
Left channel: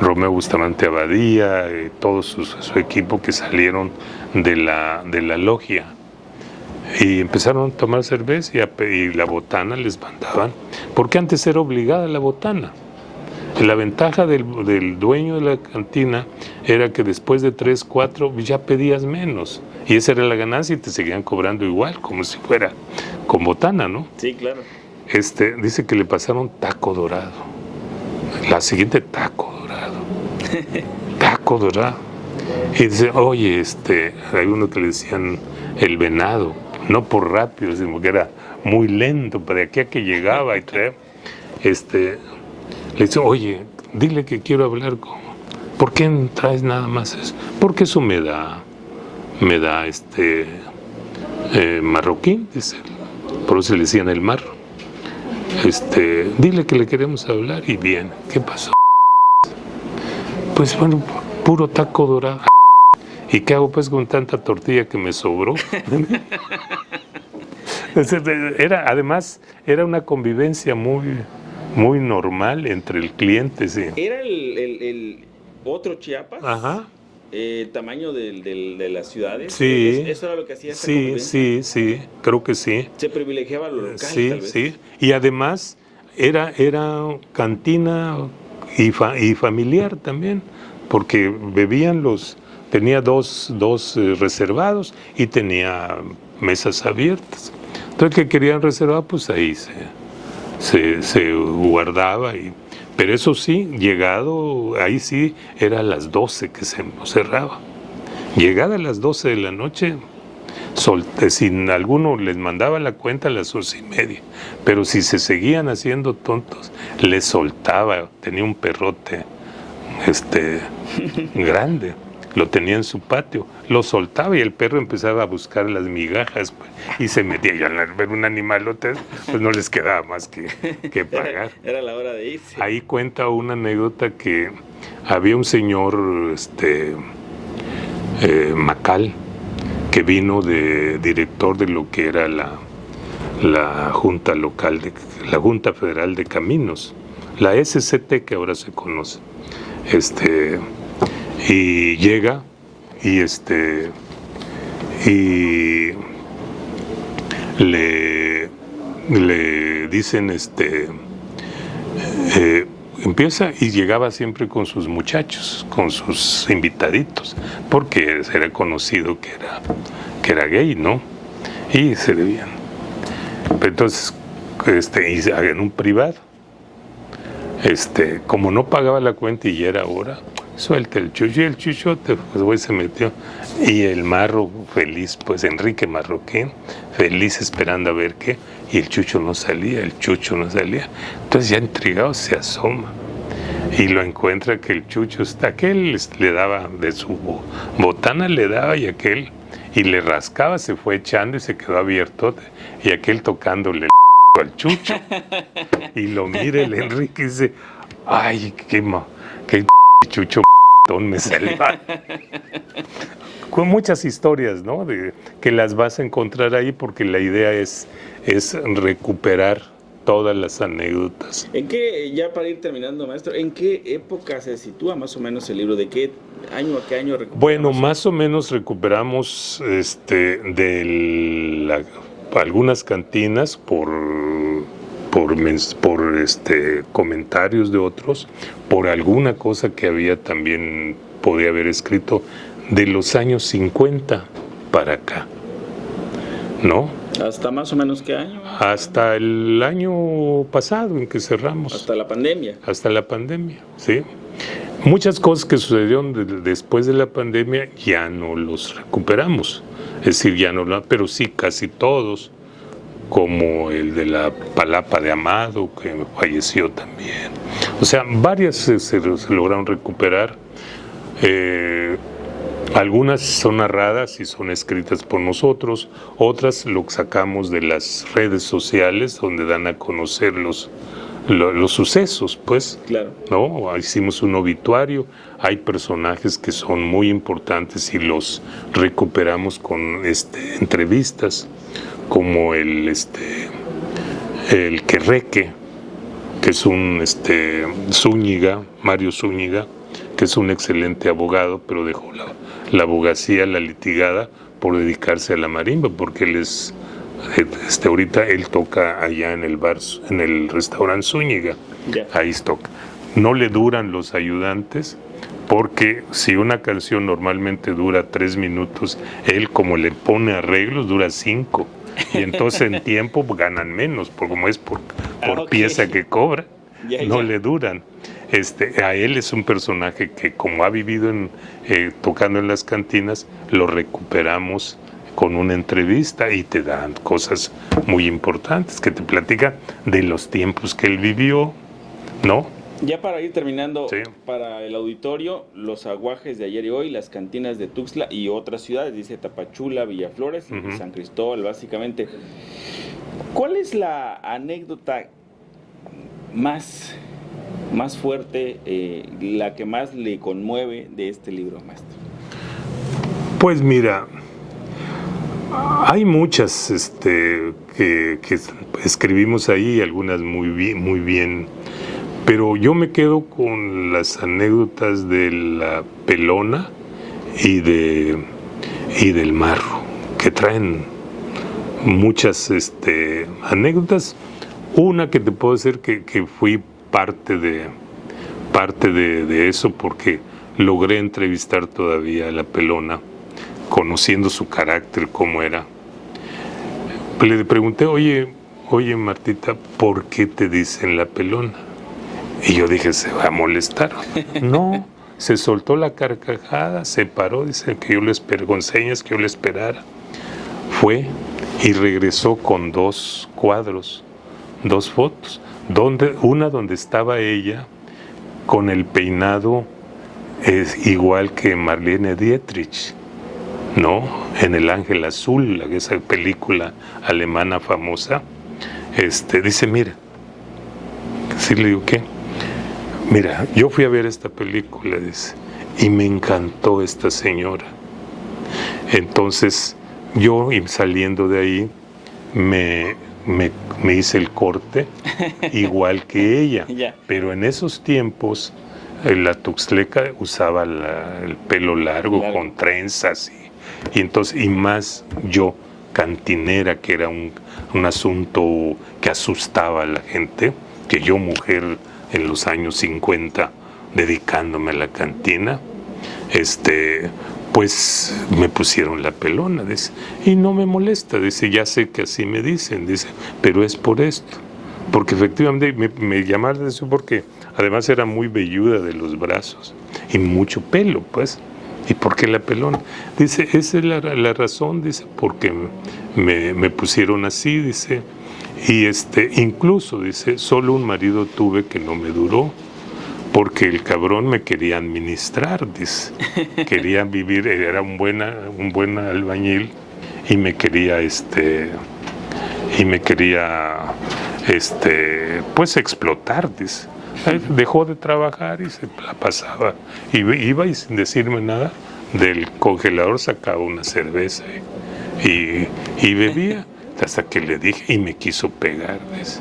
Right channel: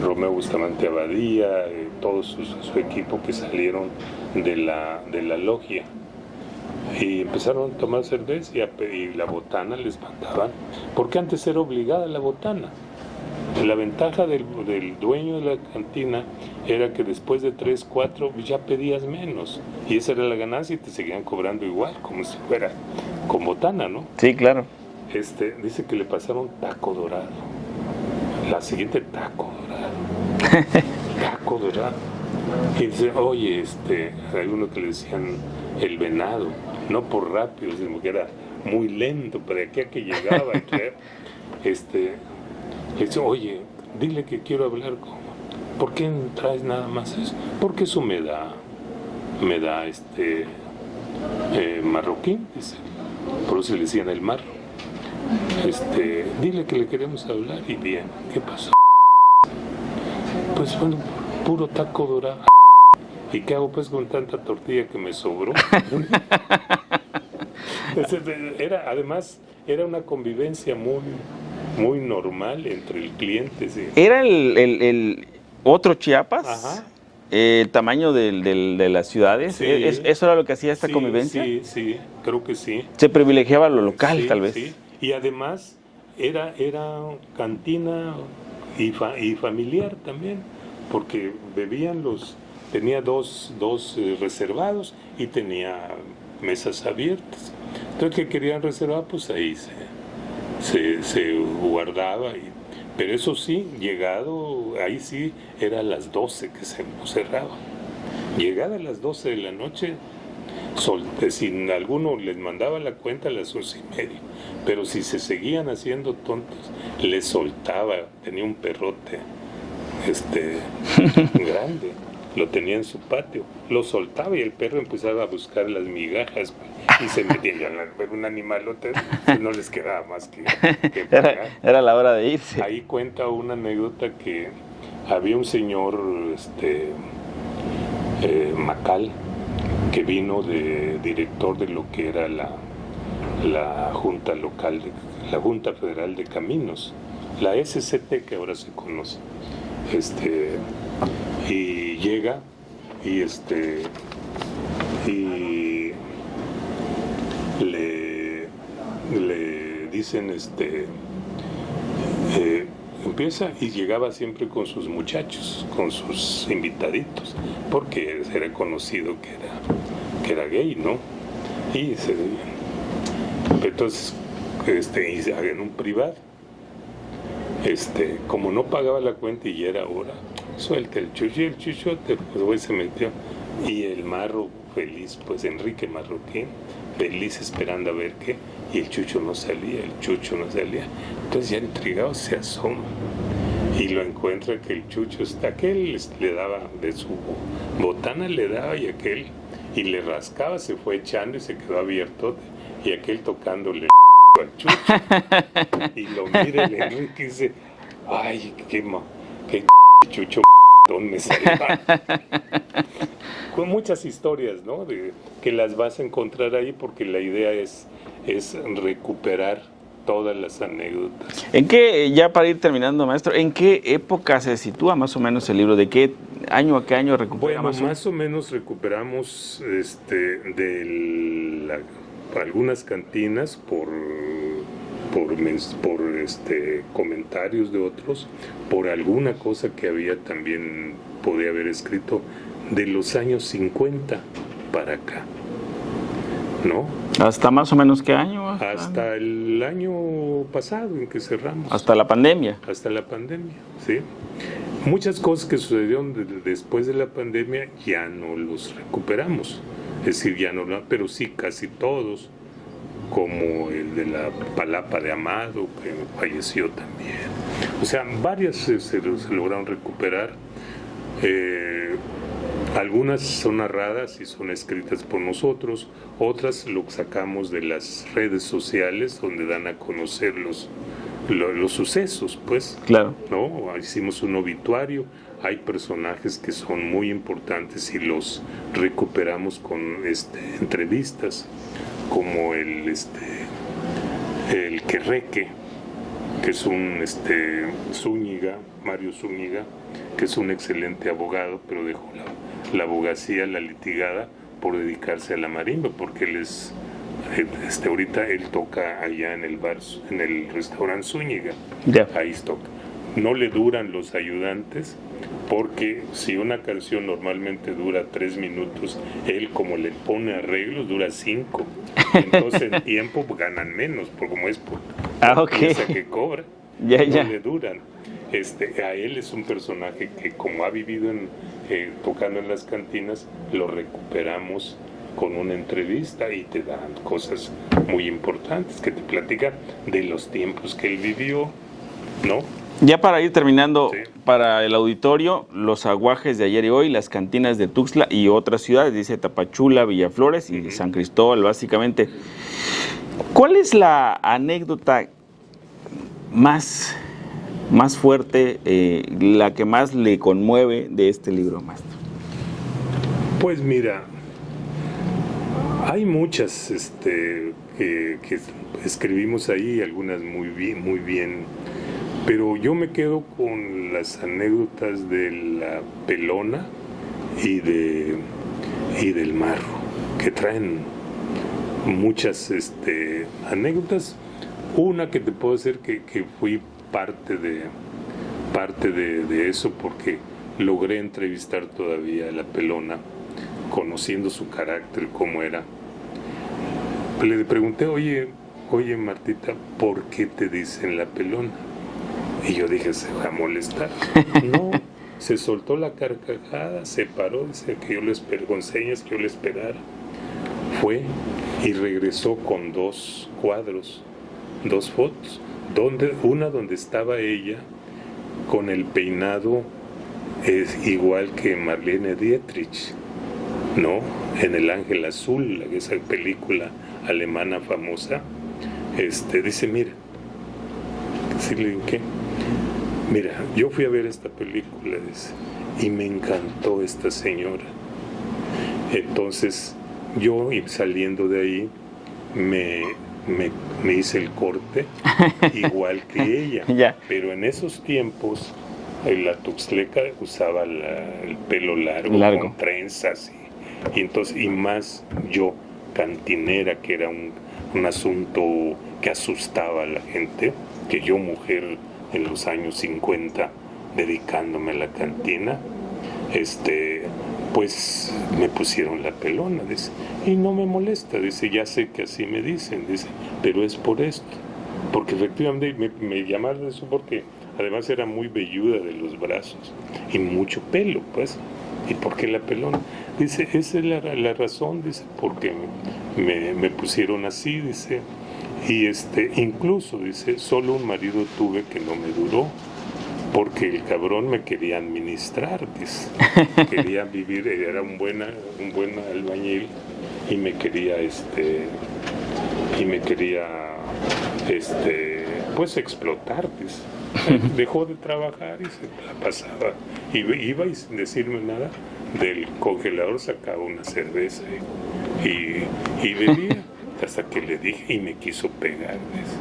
Romeo Bustamante Abadía, todo su equipo que salieron de la logia y empezaron a tomar cerveza y la botana les mandaban, porque antes era obligada la botana. La ventaja del dueño de la cantina era que después de 3, 4 ya pedías menos y esa era la ganancia y te seguían cobrando igual, como si fuera con botana, ¿no? Sí, claro. Dice que le pasaron taco dorado. La siguiente, taco dorado. Taco dorado. Y dice, oye, hay uno que le decían el venado, no por rápido, sino que era muy lento, para aquí a que llegaba y traía, le dice, oye, dile que quiero hablar con... ¿Por qué no traes nada más eso? Porque eso me da marroquín, dice. Por eso le decían el marro. Dile que le queremos hablar. Y bien, ¿qué pasó? Pues bueno, puro taco dorado. ¿Y qué hago pues con tanta tortilla que me sobró? Además, era una convivencia muy normal entre el cliente. Sí. ¿Era el otro Chiapas? Ajá. ¿El tamaño de las ciudades? Sí. ¿Eso era lo que hacía esta convivencia? Sí, creo que sí. Se privilegiaba lo local, sí, tal vez. Sí, y además era cantina y familiar también, porque bebían tenía dos reservados y tenía mesas abiertas. Entonces, que querían reservar, pues ahí se guardaba. Pero eso sí, llegado, ahí sí, era a las 12 que se cerraba. Llegada a las 12 de la noche, si alguno les mandaba la cuenta a las 11:30, pero si se seguían haciendo tontos, les soltaba, tenía un perrote grande, lo tenía en su patio, lo soltaba y el perro empezaba a buscar las migajas, pues, y se metía. Y al ver un animalote, pues no les quedaba más que pagar. Era la hora de irse. Ahí cuenta una anécdota que había un señor Macal, que vino de director de lo que era la Junta Local, la Junta Federal de Caminos, la SCT que ahora se conoce. Y llega y le dicen empieza y llegaba siempre con sus muchachos, con sus invitaditos, porque era conocido que era gay, ¿no? Y se debían. Entonces, en un privado, como no pagaba la cuenta y ya era hora, suelta el chucho, y el chuchote, pues se metió. Y el marro feliz, pues Enrique Marroquín, feliz esperando a ver qué, y el chucho no salía. Entonces ya intrigado se asoma y lo encuentra que el chucho aquel le daba de su botana, le daba y aquel, y le rascaba, se fue echando y se quedó abierto, y aquel tocándole al chucho. Y lo mira el Enrique y dice, ay, qué chucho me salió. Con muchas historias, ¿no? Que las vas a encontrar ahí, porque la idea es recuperar todas las anécdotas. ¿En qué, ya para ir terminando, maestro, en qué época se sitúa más o menos el libro? ¿De qué año a qué año recuperamos? Bueno, más o menos recuperamos algunas cantinas por comentarios de otros, por alguna cosa que había también, podía haber escrito de los años 50 para acá, ¿no? ¿Hasta más o menos qué año? Hasta el año pasado en que cerramos. Hasta la pandemia. Hasta la pandemia, sí. Muchas cosas que sucedieron después de la pandemia ya no los recuperamos, es decir, ya no, pero sí casi todos, como el de la Palapa de Amado, que falleció también. O sea, varias se lograron recuperar. Algunas son narradas y son escritas por nosotros, otras lo sacamos de las redes sociales, donde dan a conocer los sucesos, pues. Claro. ¿No? Hicimos un obituario, hay personajes que son muy importantes y los recuperamos con entrevistas, como el Querreque, que es un Zúñiga, Mario Zúñiga, que es un excelente abogado, pero dejó la abogacía, la litigada, por dedicarse a la marimba, porque él es, ahorita él toca allá en el bar, en el restaurante Zúñiga, ahí toca. No le duran los ayudantes, porque si una canción normalmente dura 3 minutos, él como le pone arreglos dura 5. Y entonces en tiempo ganan menos, porque como es por pieza que cobra, no le duran. A él es un personaje que, como ha vivido tocando en las cantinas, lo recuperamos con una entrevista y te dan cosas muy importantes que te platican de los tiempos que él vivió, ¿no? Ya para ir terminando, para el auditorio, los aguajes de ayer y hoy, las cantinas de Tuxtla y otras ciudades, dice Tapachula, Villaflores y San Cristóbal, básicamente. ¿Cuál es la anécdota más fuerte, la que más le conmueve de este libro, maestro? Pues mira, hay muchas que escribimos ahí, algunas muy bien, pero yo me quedo con las anécdotas de la Pelona y del Marro, que traen muchas anécdotas. Una que te puedo decir que fui parte de eso, porque logré entrevistar todavía a la Pelona, conociendo su carácter, cómo era. Le pregunté, oye Martita, ¿por qué te dicen la Pelona? Y yo dije, se va a molestar. No, se soltó la carcajada, se paró, dice que yo le esperé, con señas que yo le esperara. Fue y regresó con 2 cuadros, 2 fotos, una donde estaba ella con el peinado igual que Marlene Dietrich, ¿no? En El Ángel Azul, esa película alemana famosa. Dice, mira, sí, le digo, ¿qué? Mira, yo fui a ver esta película, dice, y me encantó esta señora. Entonces, yo saliendo de ahí, me hice el corte igual que ella. Pero en esos tiempos, la tuxtleca usaba el pelo largo, con trenzas, y más yo, cantinera, que era un asunto que asustaba a la gente, que yo, mujer, en los años 50, dedicándome a la cantina, pues me pusieron la Pelona, dice, y no me molesta, dice, ya sé que así me dicen, dice, pero es por esto, porque efectivamente me llamaron la atención, porque además era muy velluda de los brazos y mucho pelo, pues. ¿Y por qué la Pelona? Dice, esa es la razón, dice, porque me pusieron así, dice. Y incluso, dice, solo un marido tuve que no me duró, porque el cabrón me quería administrar, dice. Quería vivir, era un buen albañil, y me quería, pues explotar, dice. Dejó de trabajar y se la pasaba. Iba y sin decirme nada, del congelador sacaba una cerveza y bebía. Hasta que le dije, y me quiso pegar, dice.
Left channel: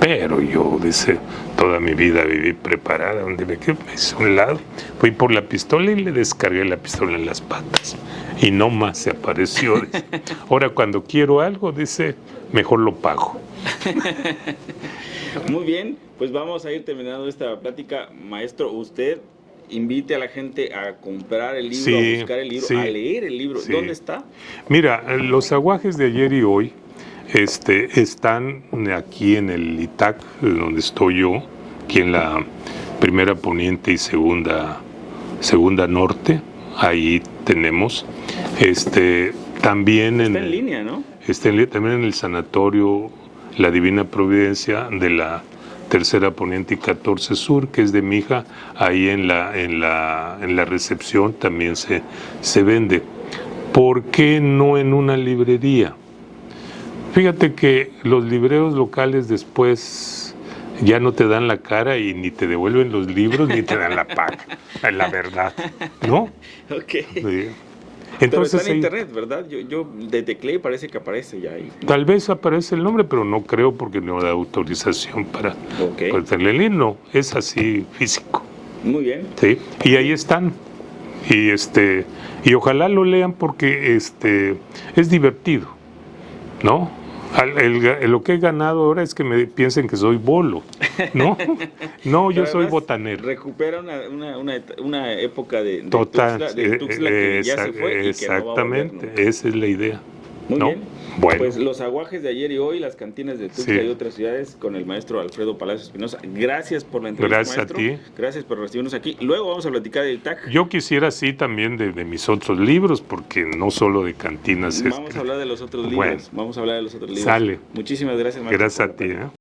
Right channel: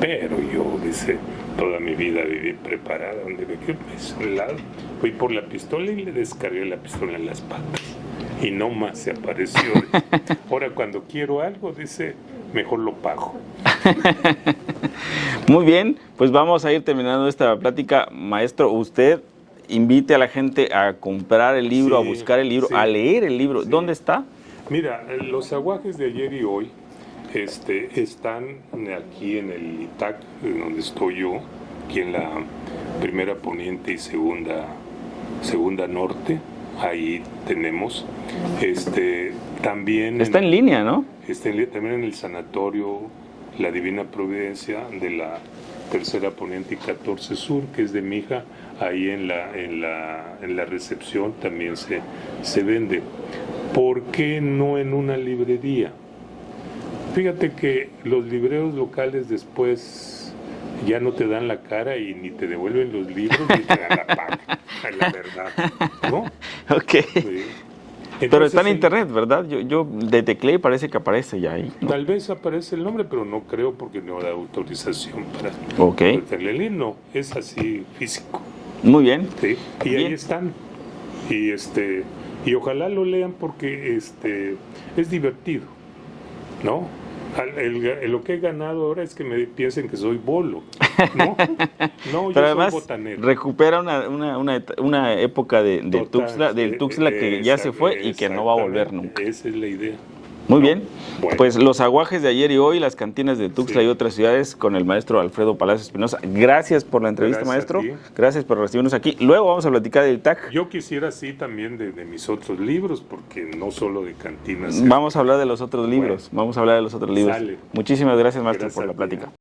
Pero yo, dice, toda mi vida viví preparada, donde me quedé, me hice un lado, fui por la pistola y le descargué la pistola en las patas. Y no más se apareció. Dice. Ahora, cuando quiero algo, dice, mejor lo pago. Muy bien, pues vamos a ir terminando esta plática. Maestro, usted invite a la gente a comprar el libro, a buscar el libro, a leer el libro. Sí. ¿Dónde está? Mira, los aguajes de ayer y hoy están aquí en el ITAC, donde estoy yo, aquí en la primera poniente y segunda norte. Ahí tenemos. También está en línea, ¿no? También en el sanatorio La Divina Providencia de la tercera poniente y 14 sur, que es de mi hija. Ahí en la recepción también se vende. ¿Por qué no en una librería? Fíjate que los libreros locales después ya no te dan la cara y ni te devuelven los libros ni te dan la paga, la verdad, ¿no? Ok. Sí. Pero está en ahí, internet, ¿verdad? Yo de tecleé parece que aparece ya ahí. tal vez aparece el nombre, pero no creo porque no da autorización para Ok. meterle el link. No, es así físico. Muy bien. Sí, y ahí están. Y ojalá lo lean porque es divertido, ¿no? Lo que he ganado ahora es que me piensen que soy bolo, ¿no? No, yo Pero soy además botanero. recupera una época de Total, Tuxtla que ya se fue y que no va a volver exactamente, nunca. esa es la idea. Muy ¿no? bien. Bueno. Pues los aguajes de ayer y hoy, las cantinas de Tuxtla Sí. y otras ciudades con el maestro Alfredo Palacios Espinosa. Gracias por la entrevista, Gracias a maestro. ti. Gracias por recibirnos aquí. Luego vamos a platicar del TAC. Yo quisiera así también de mis otros libros, porque no solo de cantinas. Vamos a hablar de los otros libros. Bueno. Vamos a hablar de los otros libros. Sale. Muchísimas gracias, maestro, Gracias por la a ti, plática.